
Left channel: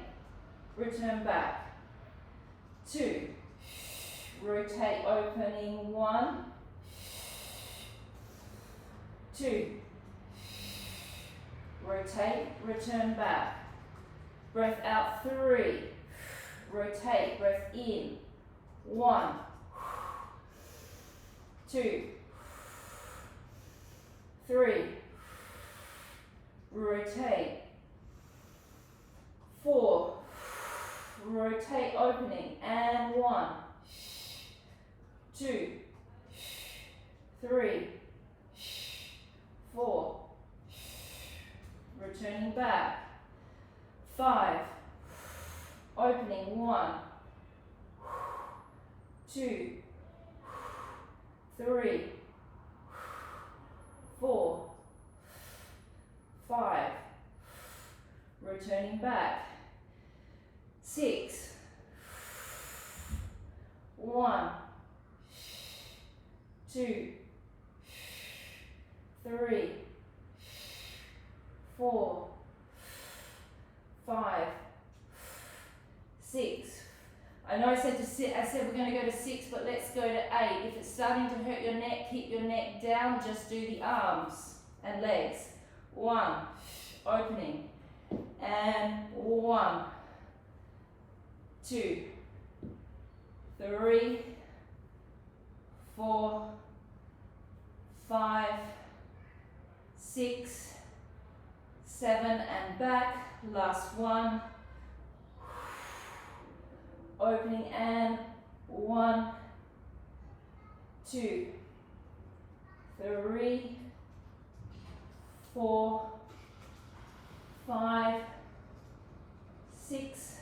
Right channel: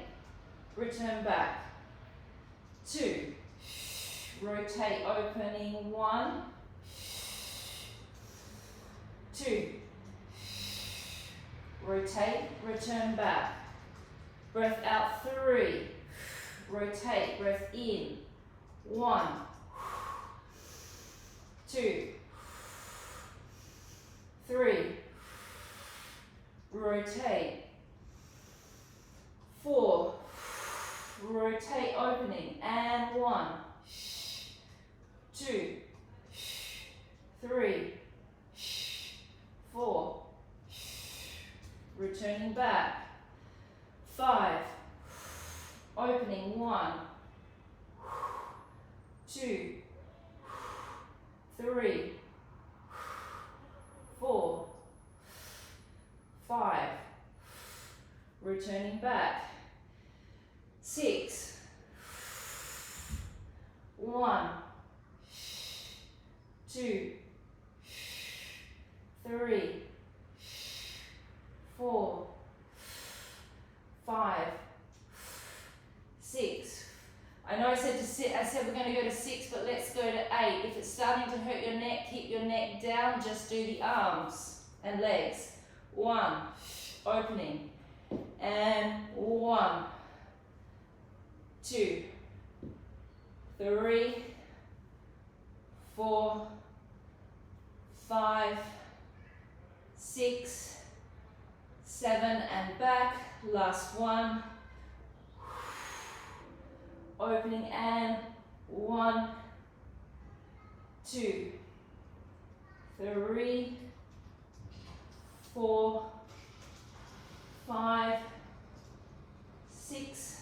Return back. 2. Rotate, opening. 1. 2. Rotate, return back. Breath out. 3. Rotate, breath in. 1. 2. 3. Rotate. 4. Rotate, opening, and 1. 2. 3. 4. Returning back. 5. Opening. 1. 2. 3. 4. 5. Returning back. 6. 1. 2. 3. 4. 5. 6. I know I said to sit, I said we're going to go to 6, but let's go to 8. If it's starting to hurt your neck, keep your neck down, just do the arms and legs. 1, opening, and 1, 2, 3, 4, 5, 6, 7, and back. Last one. Opening and 1, 2, 3, 4, 5, 6,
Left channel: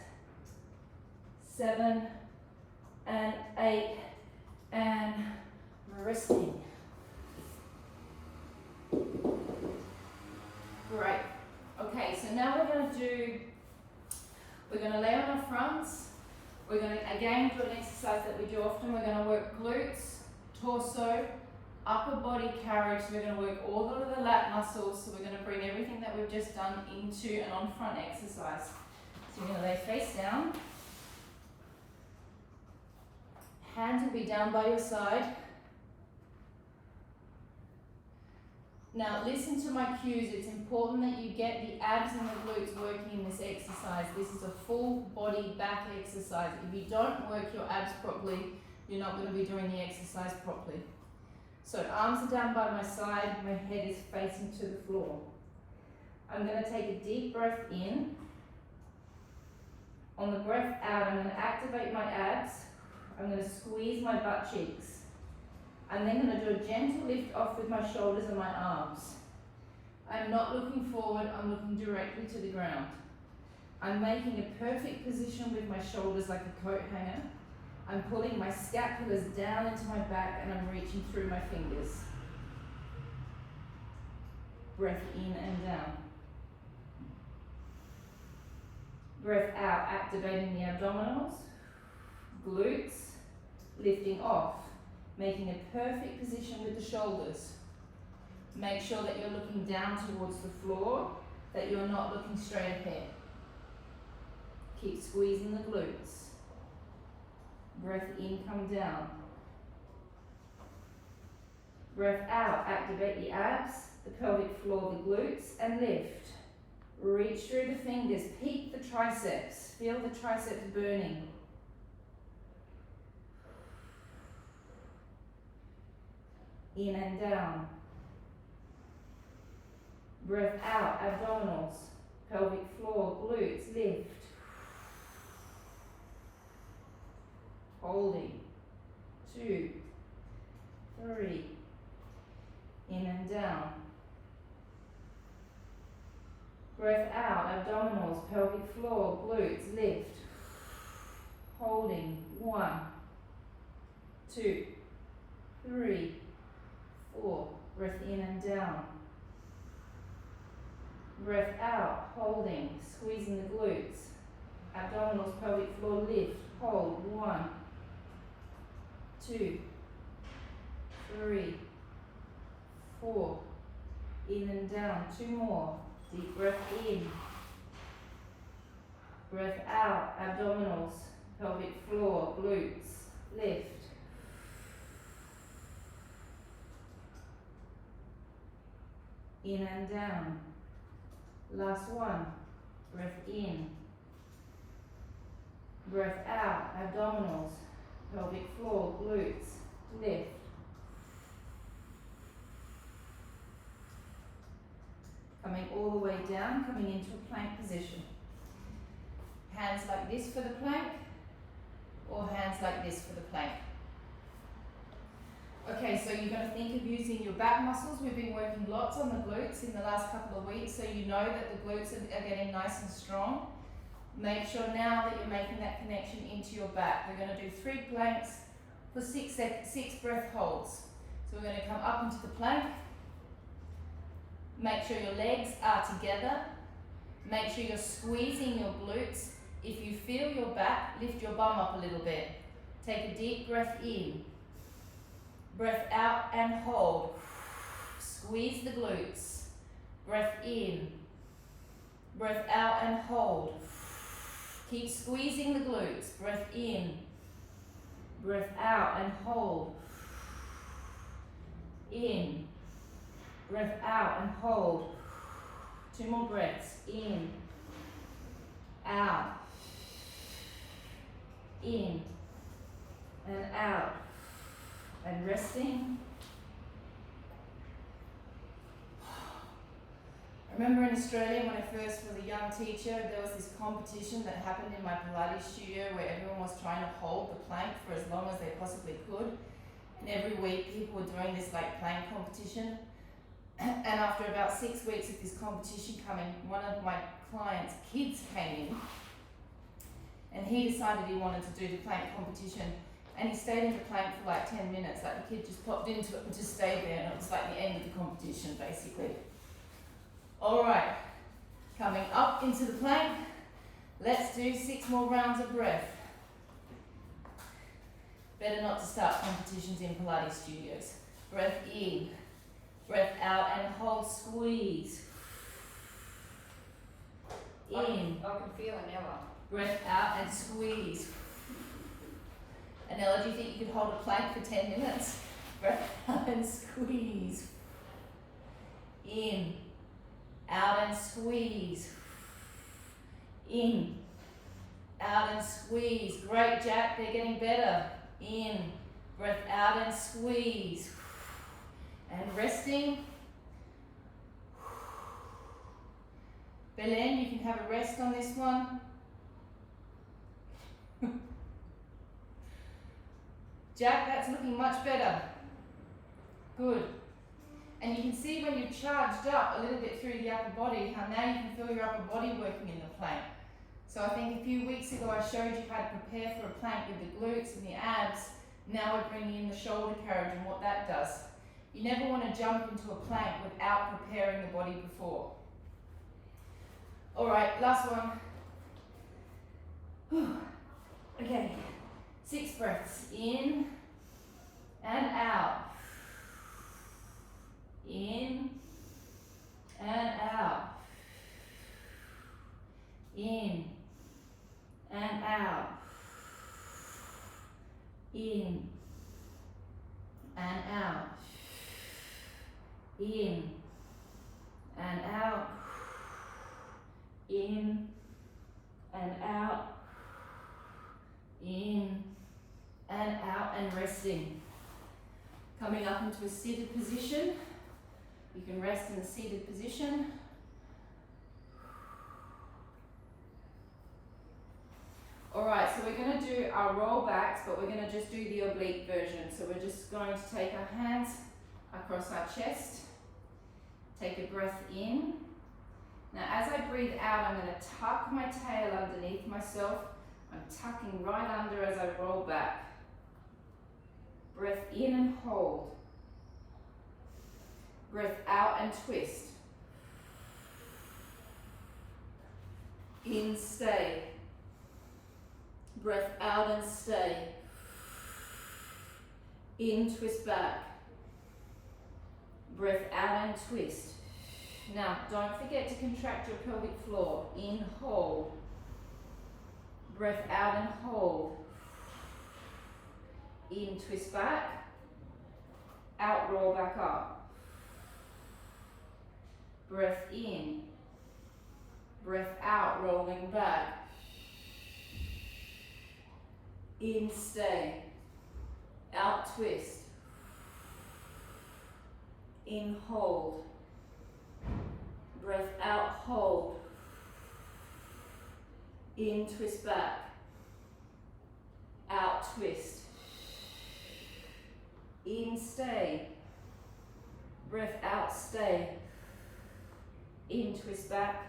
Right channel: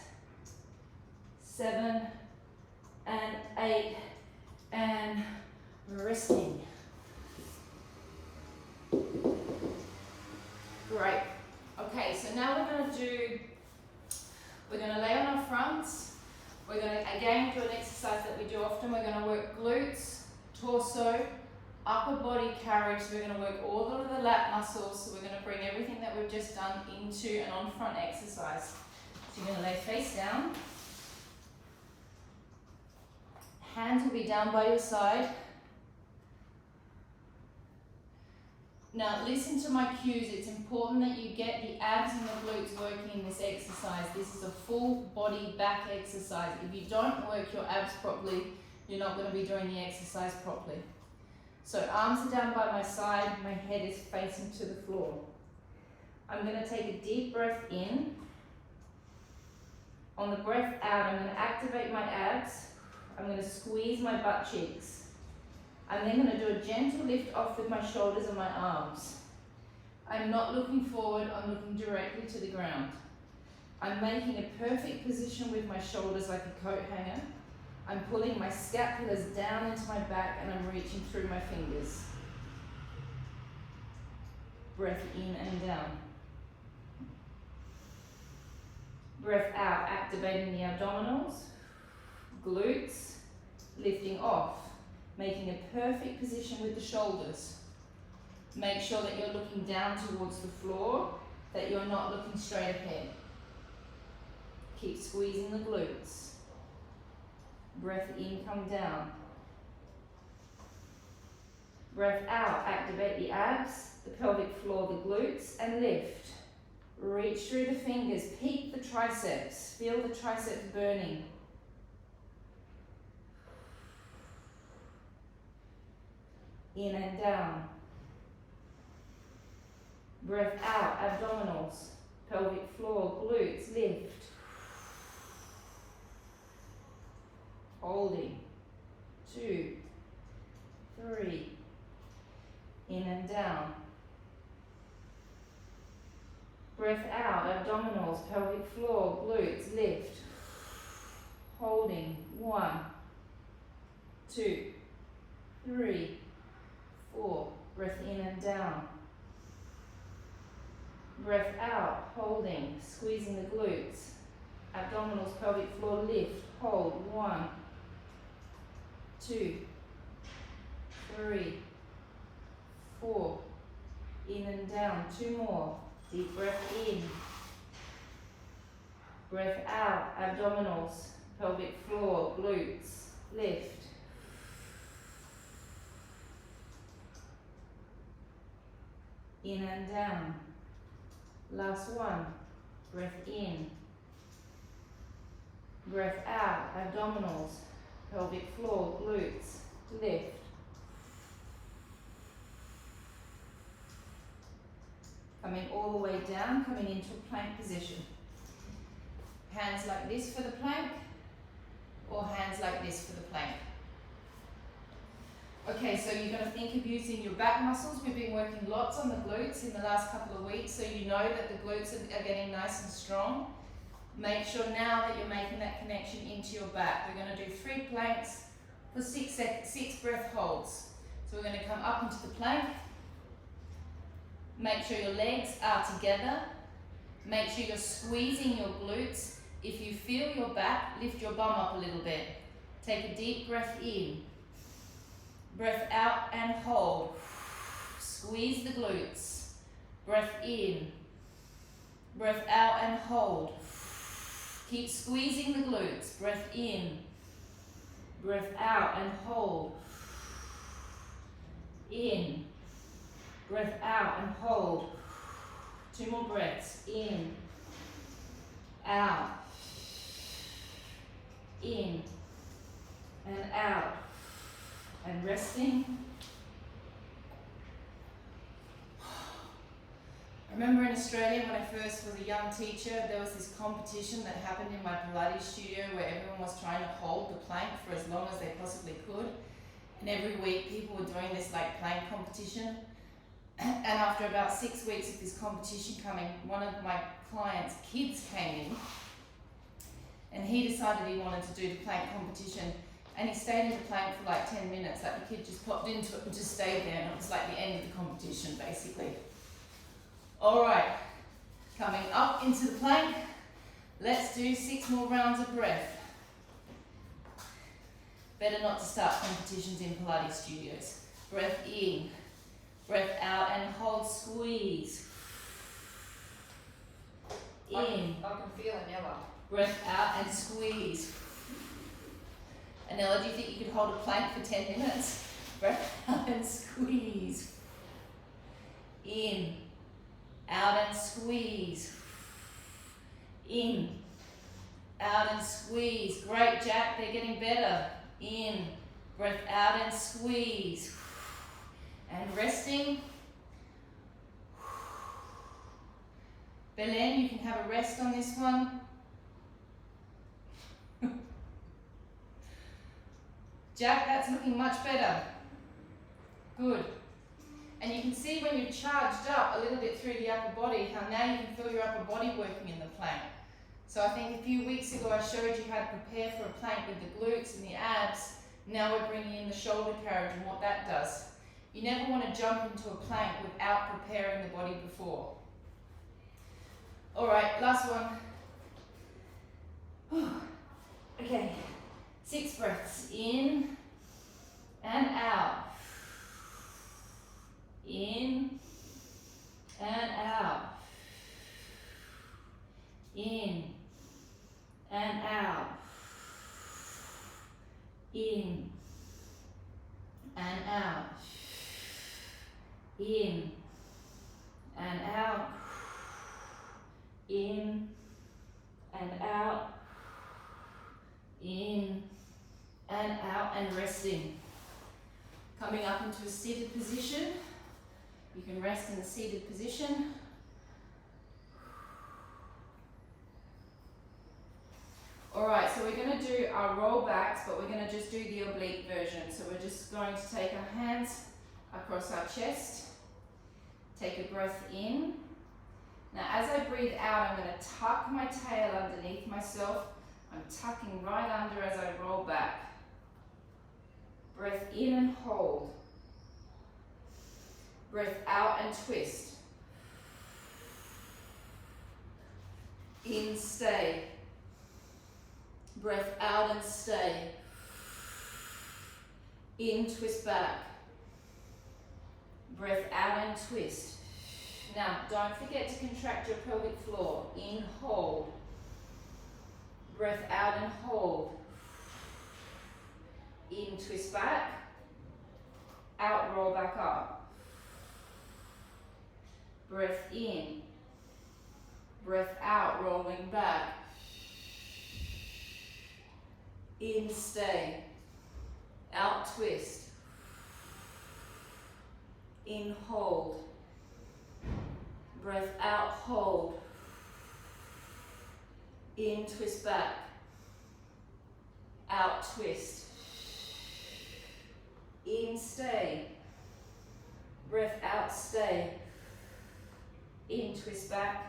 7, and 8, and resting. Great. Okay, so now we're going to lay on our front. arms. We're going to again do an exercise that we do often. We're going to work glutes, torso, upper body carriage. So we're going to work all of the lat muscles. So we're going to bring everything that we've just done into an on front exercise. So you're going to lay face down. Hands will be down by your side. Now listen to my cues. It's important that you get the abs and the glutes working in this exercise. This is a full body back exercise. If you don't work your abs properly, you're not going to be doing the exercise properly. So arms are down by my side, my head is facing to the floor. I'm going to take a deep breath in. On the breath out, I'm going to activate my abs. I'm going to squeeze my butt cheeks. I'm then going to do a gentle lift off with my shoulders and my arms. I'm not looking forward, I'm looking directly to the ground. I'm making a perfect position with my shoulders like a coat hanger. I'm pulling my scapulas down into my back and I'm reaching through my fingers. Breath in and down. Breath out, activating the abdominals, glutes, lifting off. Making a perfect position with the shoulders. Make sure that you're looking down towards the floor, that you're not looking straight ahead. Keep squeezing the glutes. Breath in, come down. Breath out, activate the abs, the pelvic floor, the glutes, and lift. Reach through the fingers, peak the triceps, feel the triceps burning. In and down. Breath out, abdominals, pelvic floor, glutes, lift. Holding. 2, 3. In and down. Breath out, abdominals, pelvic floor, glutes, lift. Holding. 1, 2, 3. 4. Breath in and down. Breath out, holding, squeezing the glutes. Abdominals, pelvic floor, lift, hold. 1, 2, 3, 4. In and down. 2 more. Deep breath in. Breath out, abdominals, pelvic floor, glutes, lift. In and down. Last one. Breath in. Breath out. Abdominals, pelvic floor, glutes, lift. Coming all the way down, coming into a plank position. Hands like this for the plank, or hands like this for the plank. Okay, so you're going to think of using your back muscles. We've been working lots on the glutes in the last couple of weeks, so you know that the glutes are getting nice and strong. Make sure now that you're making that connection into your back. We're going to do 3 planks for 6 breath holds. So we're going to come up into the plank. Make sure your legs are together. Make sure you're squeezing your glutes. If you feel your back, lift your bum up a little bit. Take a deep breath in. Breath out and hold. Squeeze the glutes. Breath in. Breath out and hold. Keep squeezing the glutes. Breath in. Breath out and hold. In. Breath out and hold. 2 more breaths. In. Out. In. And out. And resting. I remember in Australia when I first was a young teacher, there was this competition that happened in my Pilates studio where everyone was trying to hold the plank for as long as they possibly could. And every week people were doing this like plank competition. And after about 6 weeks of this competition coming, one of my clients' kids came in and he decided he wanted to do the plank competition. And he stayed in the plank for like 10 minutes, like the kid just popped into it and just stayed there, and it was like the end of the competition basically. All right, coming up into the plank, Let's do 6 more rounds of breath. Better not to start competitions in Pilates studios. Breath in, breath out and hold, squeeze. In, I can feel Anella. breath out and squeeze. Anella, do you think you could hold a plank for 10 minutes? Breath out and squeeze. In, out and squeeze. In, out and squeeze. Great, Jack, they're getting better. In, breath out and squeeze. And resting. Belen, you can have a rest on this one. Jack, that's looking much better. Good. And you can see when you're charged up a little bit through the upper body, how now you can feel your upper body working in the plank. So I think a few weeks ago I showed you how to prepare for a plank with the glutes and the abs. Now we're bringing in the shoulder carriage and what that does. You never want to jump into a plank without preparing the body before. All right, last one. Okay, 6 breaths in and out. In and out. In and out. In and out. In and out. In and out. In and out, and resting. Coming up into a seated position. You can rest in the seated position. Alright, so we're going to do our roll backs, but we're going to just do the oblique version. So we're just going to take our hands across our chest. Take a breath in. Now as I breathe out, I'm going to tuck my tail underneath myself. I'm tucking right under as I roll back. Breath in and hold. Breath out and twist. In, stay. Breath out and stay. In, twist back. Breath out and twist. Now, don't forget to contract your pelvic floor. In, hold. Breath out and hold. In, twist back. Out, roll back up. Breath in. Breath out, rolling back. In, stay. Out, twist. In, hold. Breath out, hold. In, twist back. Out, twist. In, stay. Breath out, stay. In, twist back.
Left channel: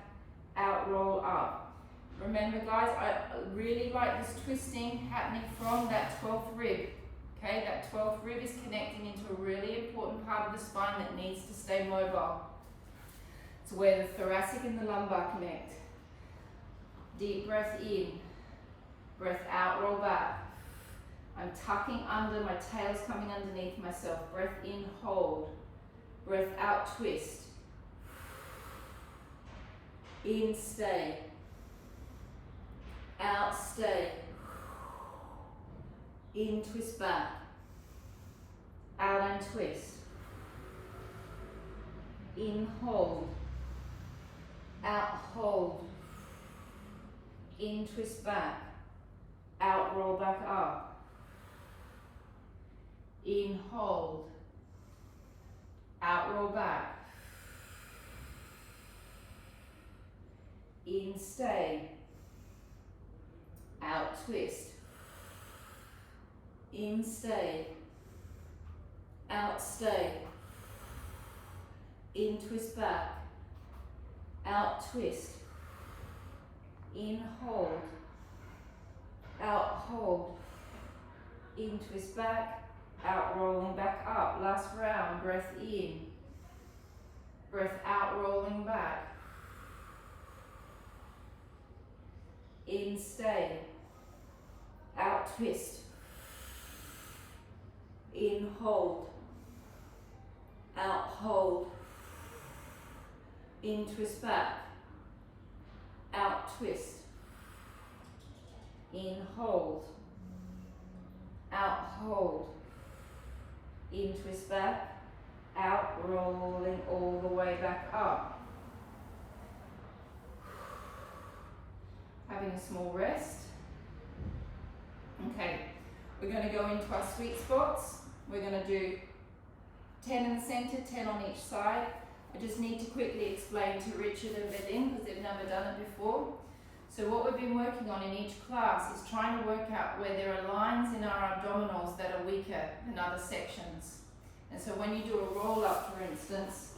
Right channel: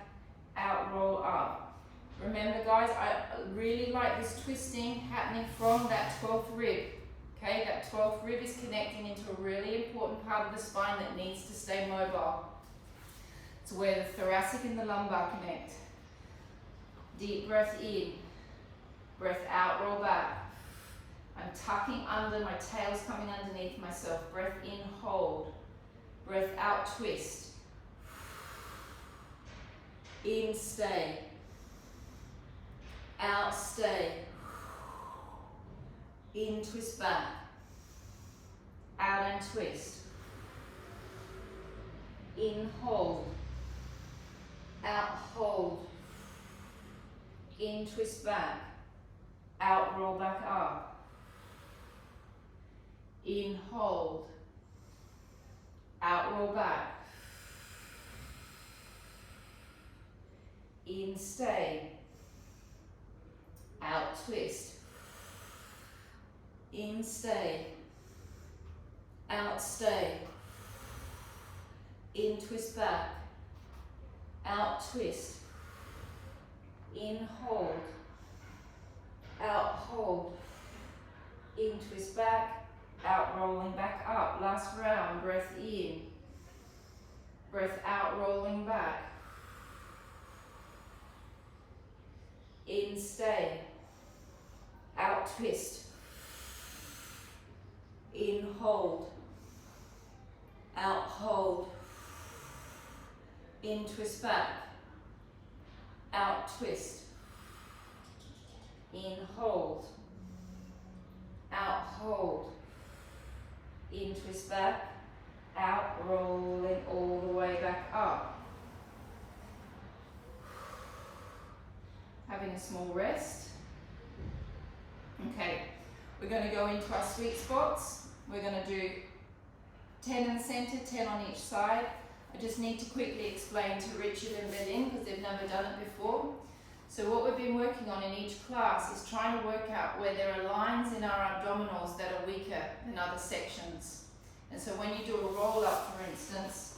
Out, roll up. Remember guys, I really like this twisting happening from that 12th rib. Okay, that 12th rib is connecting into a really important part of the spine that needs to stay mobile. It's where the thoracic and the lumbar connect. Deep breath in. Breath out, roll back. I'm tucking under, my tail's coming underneath myself. Breath in, hold. Breath out, twist. In, stay. Out, stay. In, twist back. Out and twist. In, hold. Out, hold. In, twist back. Out, roll back up. In, hold. Out, roll back. In, stay. Out, twist. In, stay. Out, stay. In, twist back. Out, twist. In, hold. Out, hold. In, twist back. Out, rolling back up. Last round. Breath in. Breath out, rolling back. in, stay, out, twist, in, hold, out, hold, in, twist back, out, twist, in, hold, out, hold, in, twist back, out, rolling all the way back up. Having a small rest. Okay, we're going to go into our sweet spots. We're going to do 10 in the center, 10 on each side. I just need to quickly explain to Richard and Belinda because they've never done it before. So what we've been working on in each class is trying to work out where there are lines in our abdominals that are weaker than other sections. And so when you do a roll up, for instance,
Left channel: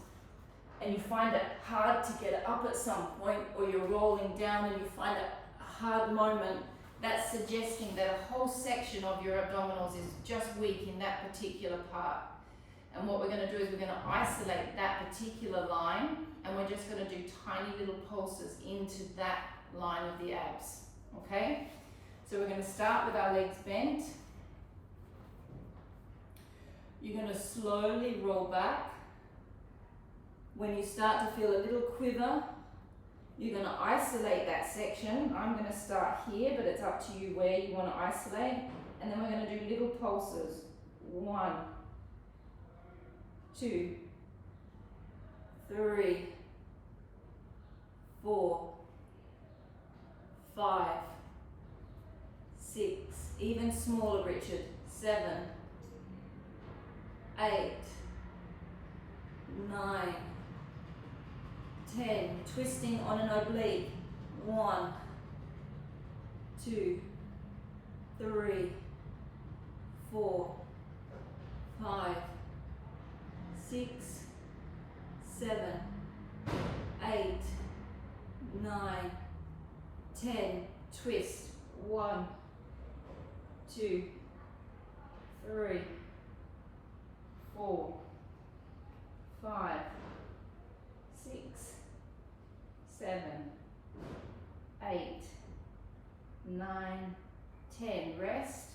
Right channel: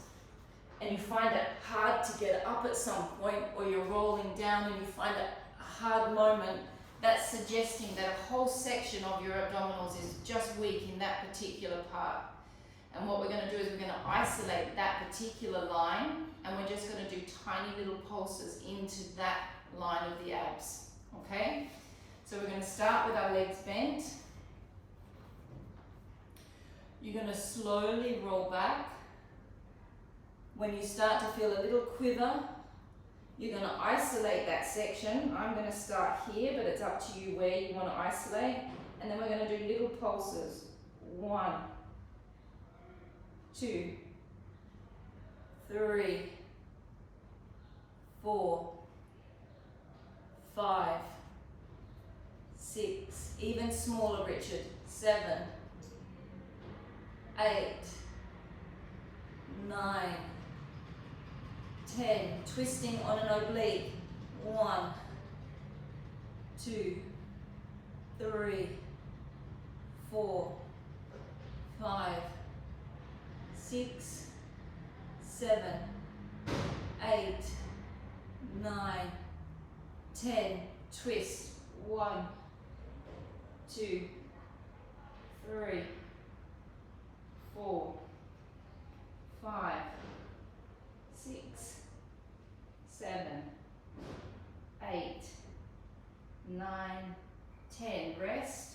and you find it hard to get up at some point, or you're rolling down and you find a hard moment, that's suggesting that a whole section of your abdominals is just weak in that particular part. And what we're going to do is we're going to isolate that particular line, and we're just going to do tiny little pulses into that line of the abs. Okay? So we're going to start with our legs bent. You're going to slowly roll back. When you start to feel a little quiver, you're going to isolate that section. I'm going to start here, but it's up to you where you want to isolate. And then we're going to do little pulses. 1, 2, 3, 4, 5, 6, even smaller, Richard, 7, 8, 9, 10, twisting on an oblique. 1, 2, 3, 4, 5, 6, 7, 8, 9, 10, twist. 1, 2, 3, 4, 5, 6, 7, 8, 9, 10. Rest.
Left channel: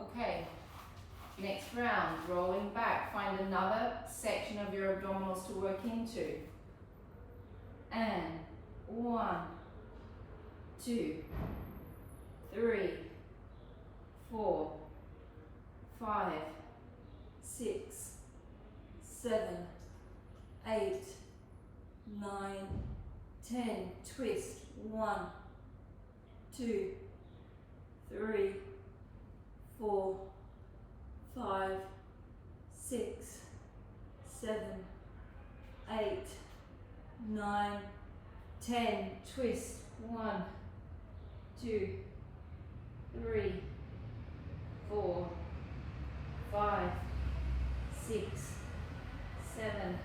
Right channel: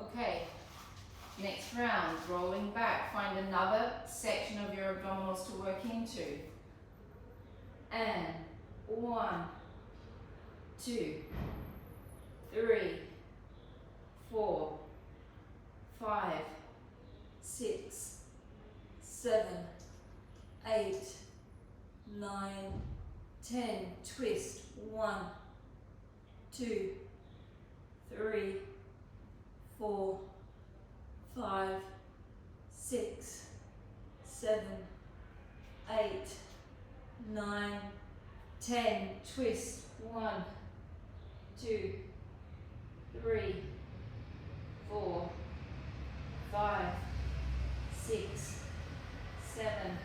Okay, next round, rolling back. Find another section of your abdominals to work into. And 1, 2, 3, 4, 5, 6, 7, 8, 9, 10. Twist. 1, 2, 3, 4, 5, 6, 7, 8, 9, 10. Twist. 1, 2, 3, 4, 5, 6, 7,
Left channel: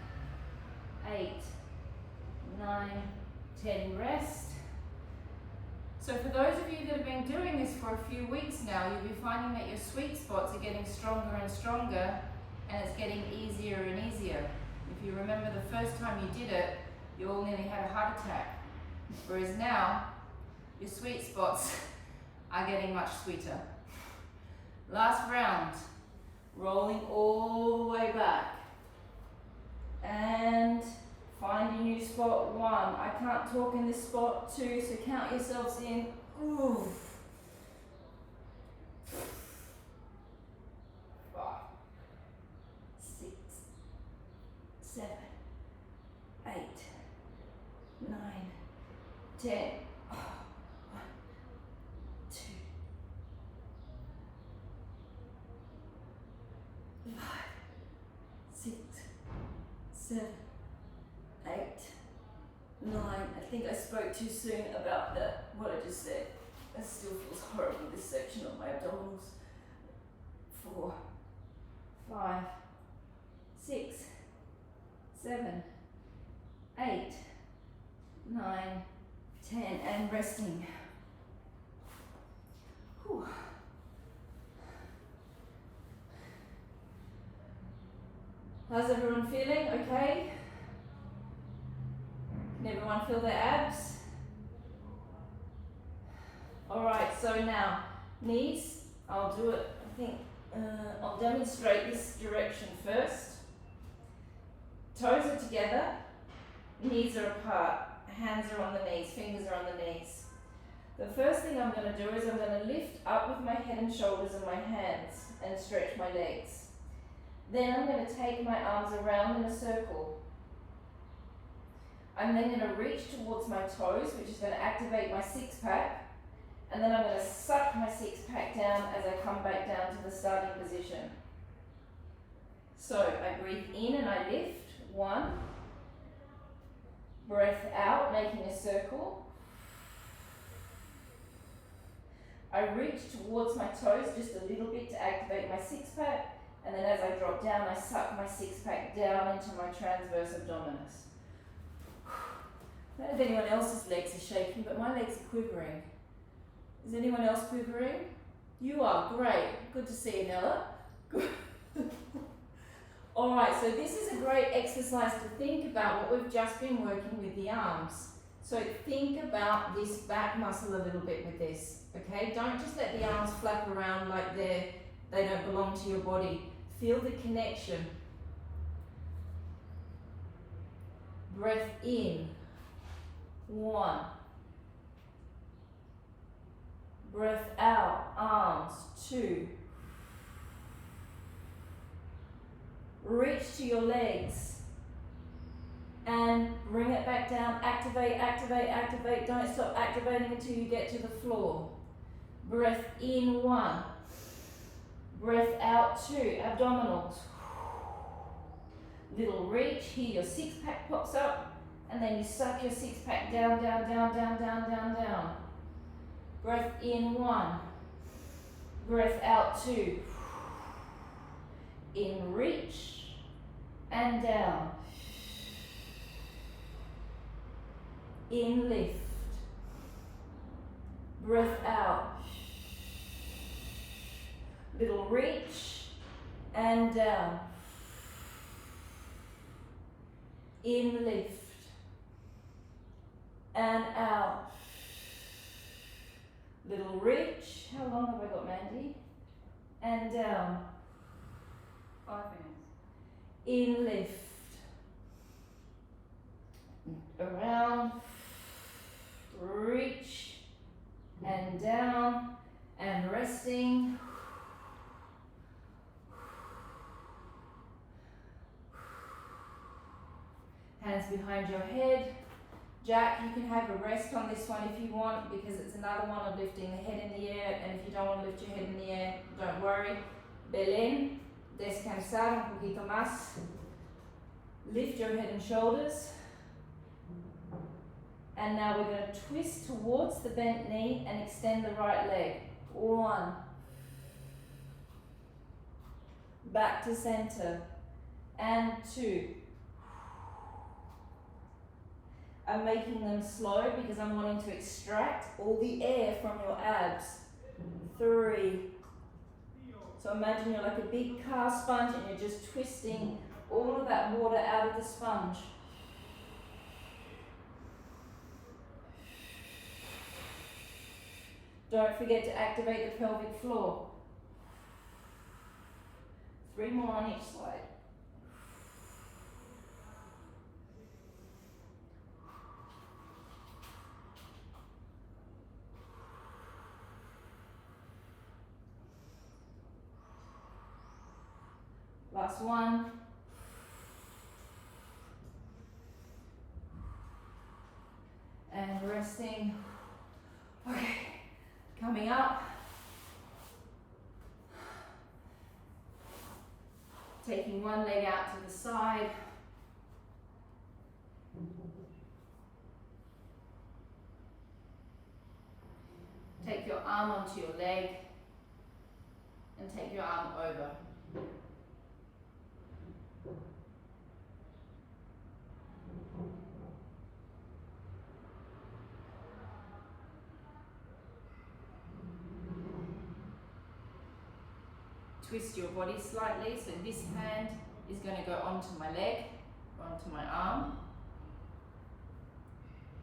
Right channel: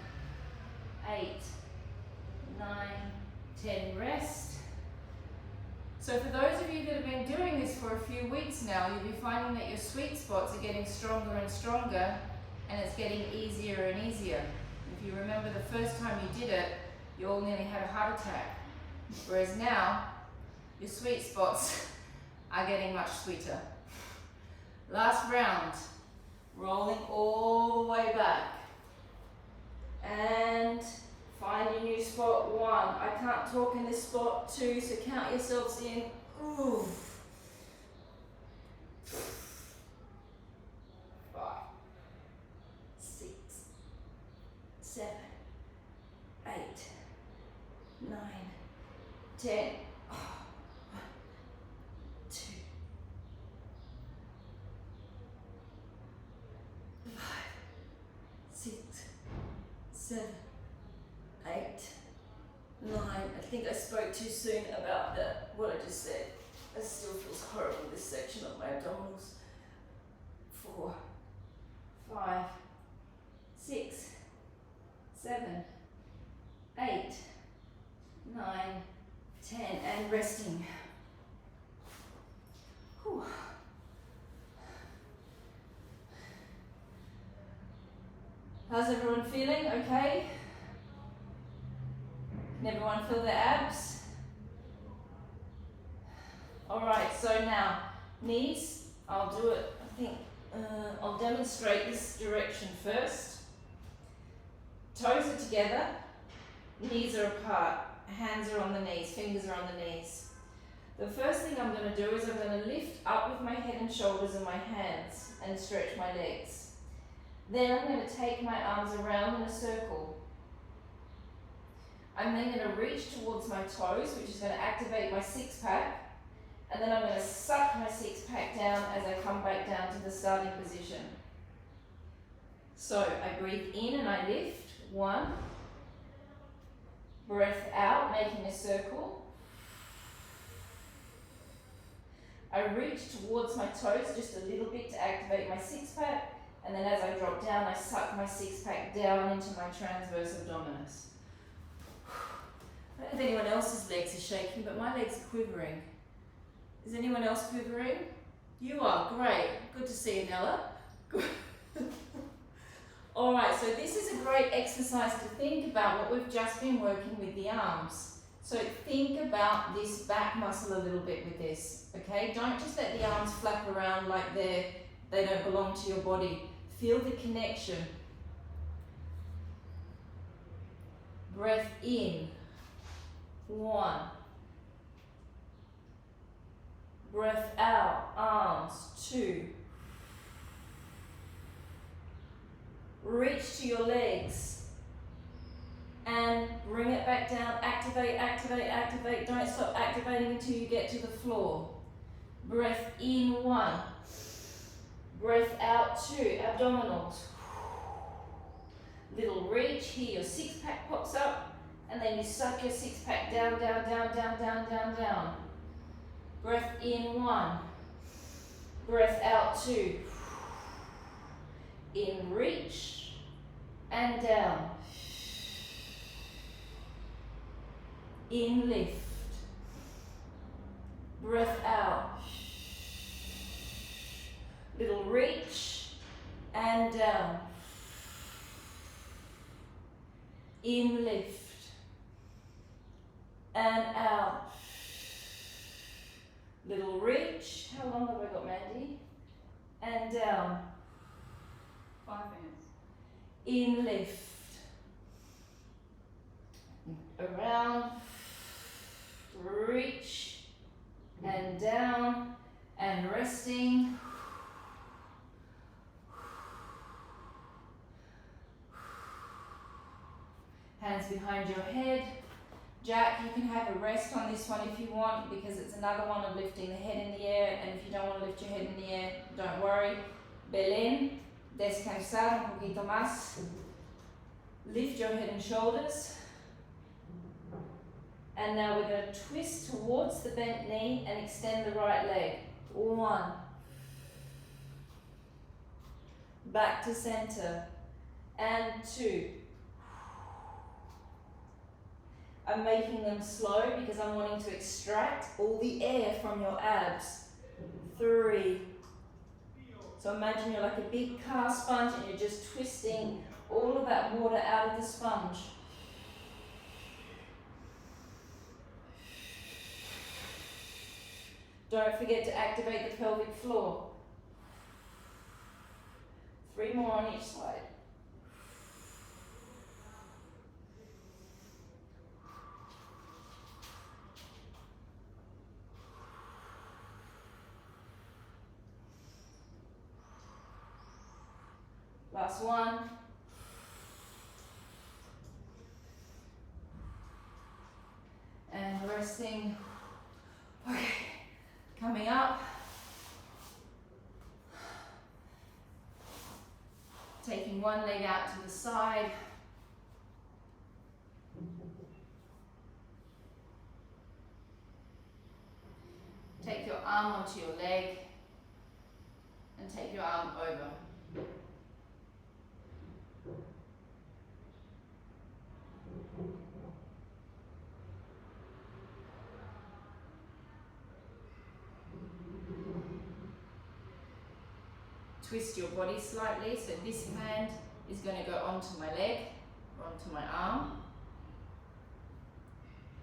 8, 9, 10. Rest. So for those of you that have been doing this for a few weeks now, you'll be finding that your sweet spots are getting stronger and stronger, and it's getting easier and easier. If you remember the first time you did it, you all nearly had a heart attack. Whereas now, your sweet spots are getting much sweeter. Last round, rolling all the way back. And find your new spot. 1. I can't talk in this spot. 2, so count yourselves in. Ooh. 5, 6, 7, 8, 9, 10. 1, 2, 5, 6, 7, 8, 9. I think I spoke too soon about what I just said. It still feels horrible, this section of my abdominals. 4, 5, 6, 7, 8, 9, 10. And resting. Whew. How's everyone feeling? Okay? Can everyone feel their abs? Alright, so now, knees, I'll do it, I think, I'll demonstrate this direction first. Toes are together, knees are apart, hands are on the knees, fingers are on the knees. The first thing I'm going to do is I'm going to lift up with my head and shoulders and my hands and stretch my legs. Then I'm going to take my arms around in a circle. I'm then going to reach towards my toes, which is going to activate my six pack. And then I'm going to suck my six pack down as I come back down to the starting position. So I breathe in and I lift. 1. Breath out, making a circle. I reach towards my toes just a little bit to activate my six pack. And then as I drop down, I suck my six pack down into my transverse abdominis. I don't know if anyone else's legs are shaking, but my legs are quivering. Is anyone else quivering? You are, great. Good to see you, Nella. Good. Alright, so this is a great exercise to think about what we've just been working with the arms. So think about this back muscle a little bit with this, okay? Don't just let the arms flap around like they don't belong to your body. Feel the connection. Breath in. 1. Breath out, arms. 2. Reach to your legs and bring it back down. Activate, activate, activate. Don't stop activating until you get to the floor. Breath in. 1. Breath out. 2. Abdominals. Little reach. Here your six pack pops up and then you suck your six pack down, down, down, down, down, down, down. Breath in. 1. Breath out. 2. In reach and down. In lift. Breath out. Little reach and down. In lift and out. Little reach. How long have we got, Mandy? And down. 5 minutes. In lift. Around. Reach. And down. And resting. Hands behind your head. Jack, you can have a rest on this one if you want, because it's another one of lifting the head in the air, and if you don't want to lift your head in the air, don't worry. Belén, descansar un poquito más. Lift your head and shoulders. And now we're going to twist towards the bent knee and extend the right leg. 1. Back to center. And 2. I'm making them slow because I'm wanting to extract all the air from your abs. 3. So imagine you're like a big car sponge and you're just twisting all of that water out of the sponge. Don't forget to activate the pelvic floor. 3 more on each side. Last one. And resting. Okay, coming up. Taking one leg out to the side. Take your arm onto your leg and take your arm over. Twist your body slightly, so this hand is going to go onto my leg, onto my arm.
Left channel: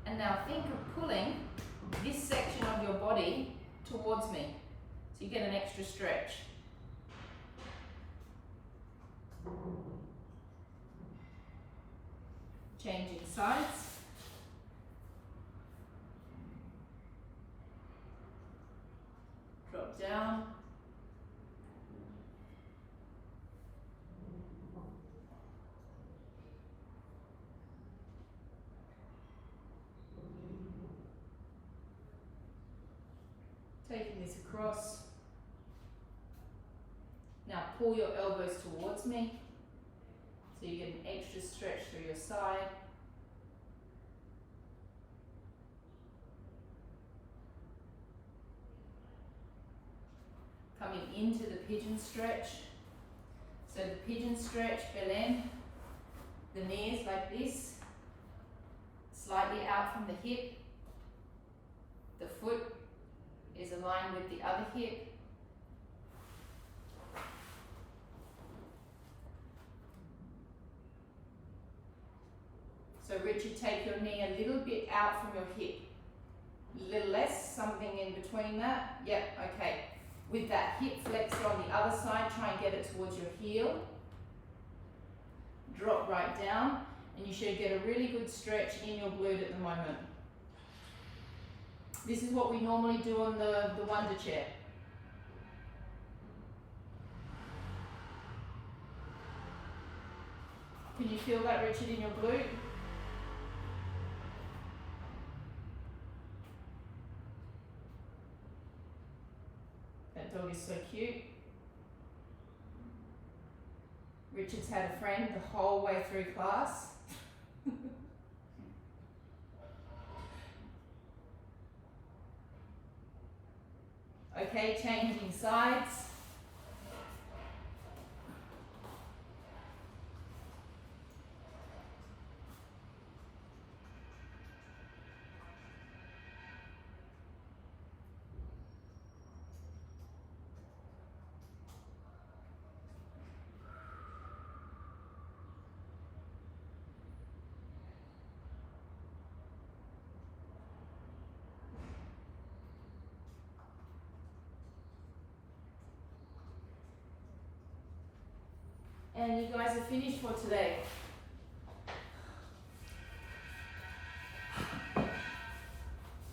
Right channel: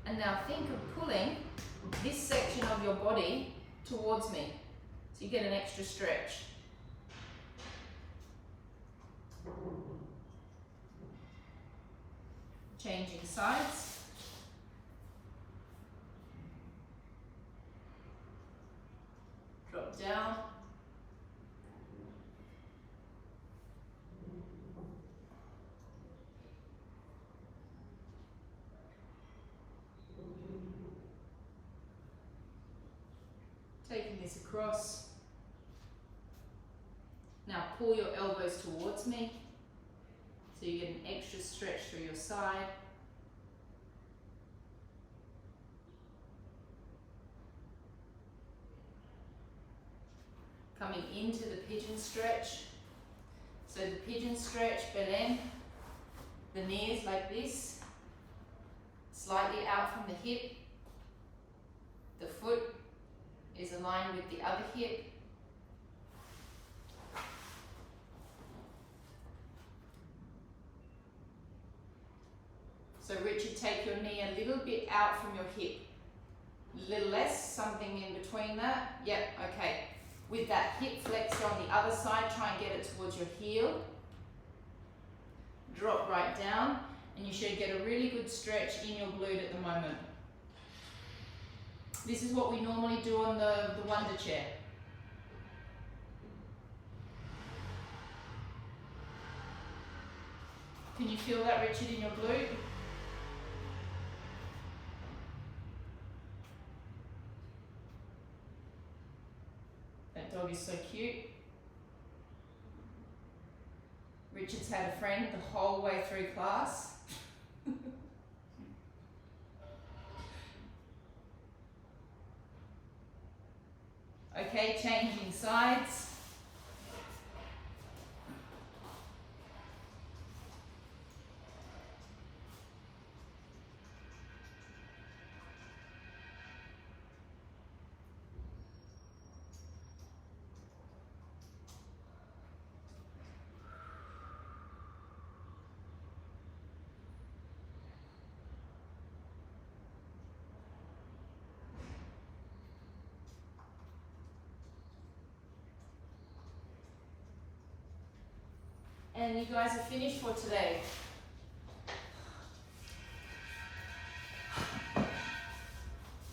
And now think of pulling this section of your body towards me, so you get an extra stretch. Changing sides. Drop down. Taking this across. Now pull your elbows towards me, so you get an extra stretch through your side. Coming into the pigeon stretch. So the pigeon stretch, Belén, the knees like this, slightly out from the hip. The foot is aligned with the other hip. So Richard, take your knee a little bit out from your hip. A little less, something in between that. Yep, okay. With that hip flexor on the other side, try and get it towards your heel. Drop right down, and you should get a really good stretch in your glute at the moment. This is what we normally do on the Wonder Chair. Can you feel that, Richard, in your glute? That dog is so cute. Richard's had a friend the whole way through class. Okay, changing sides. And you guys are finished for today.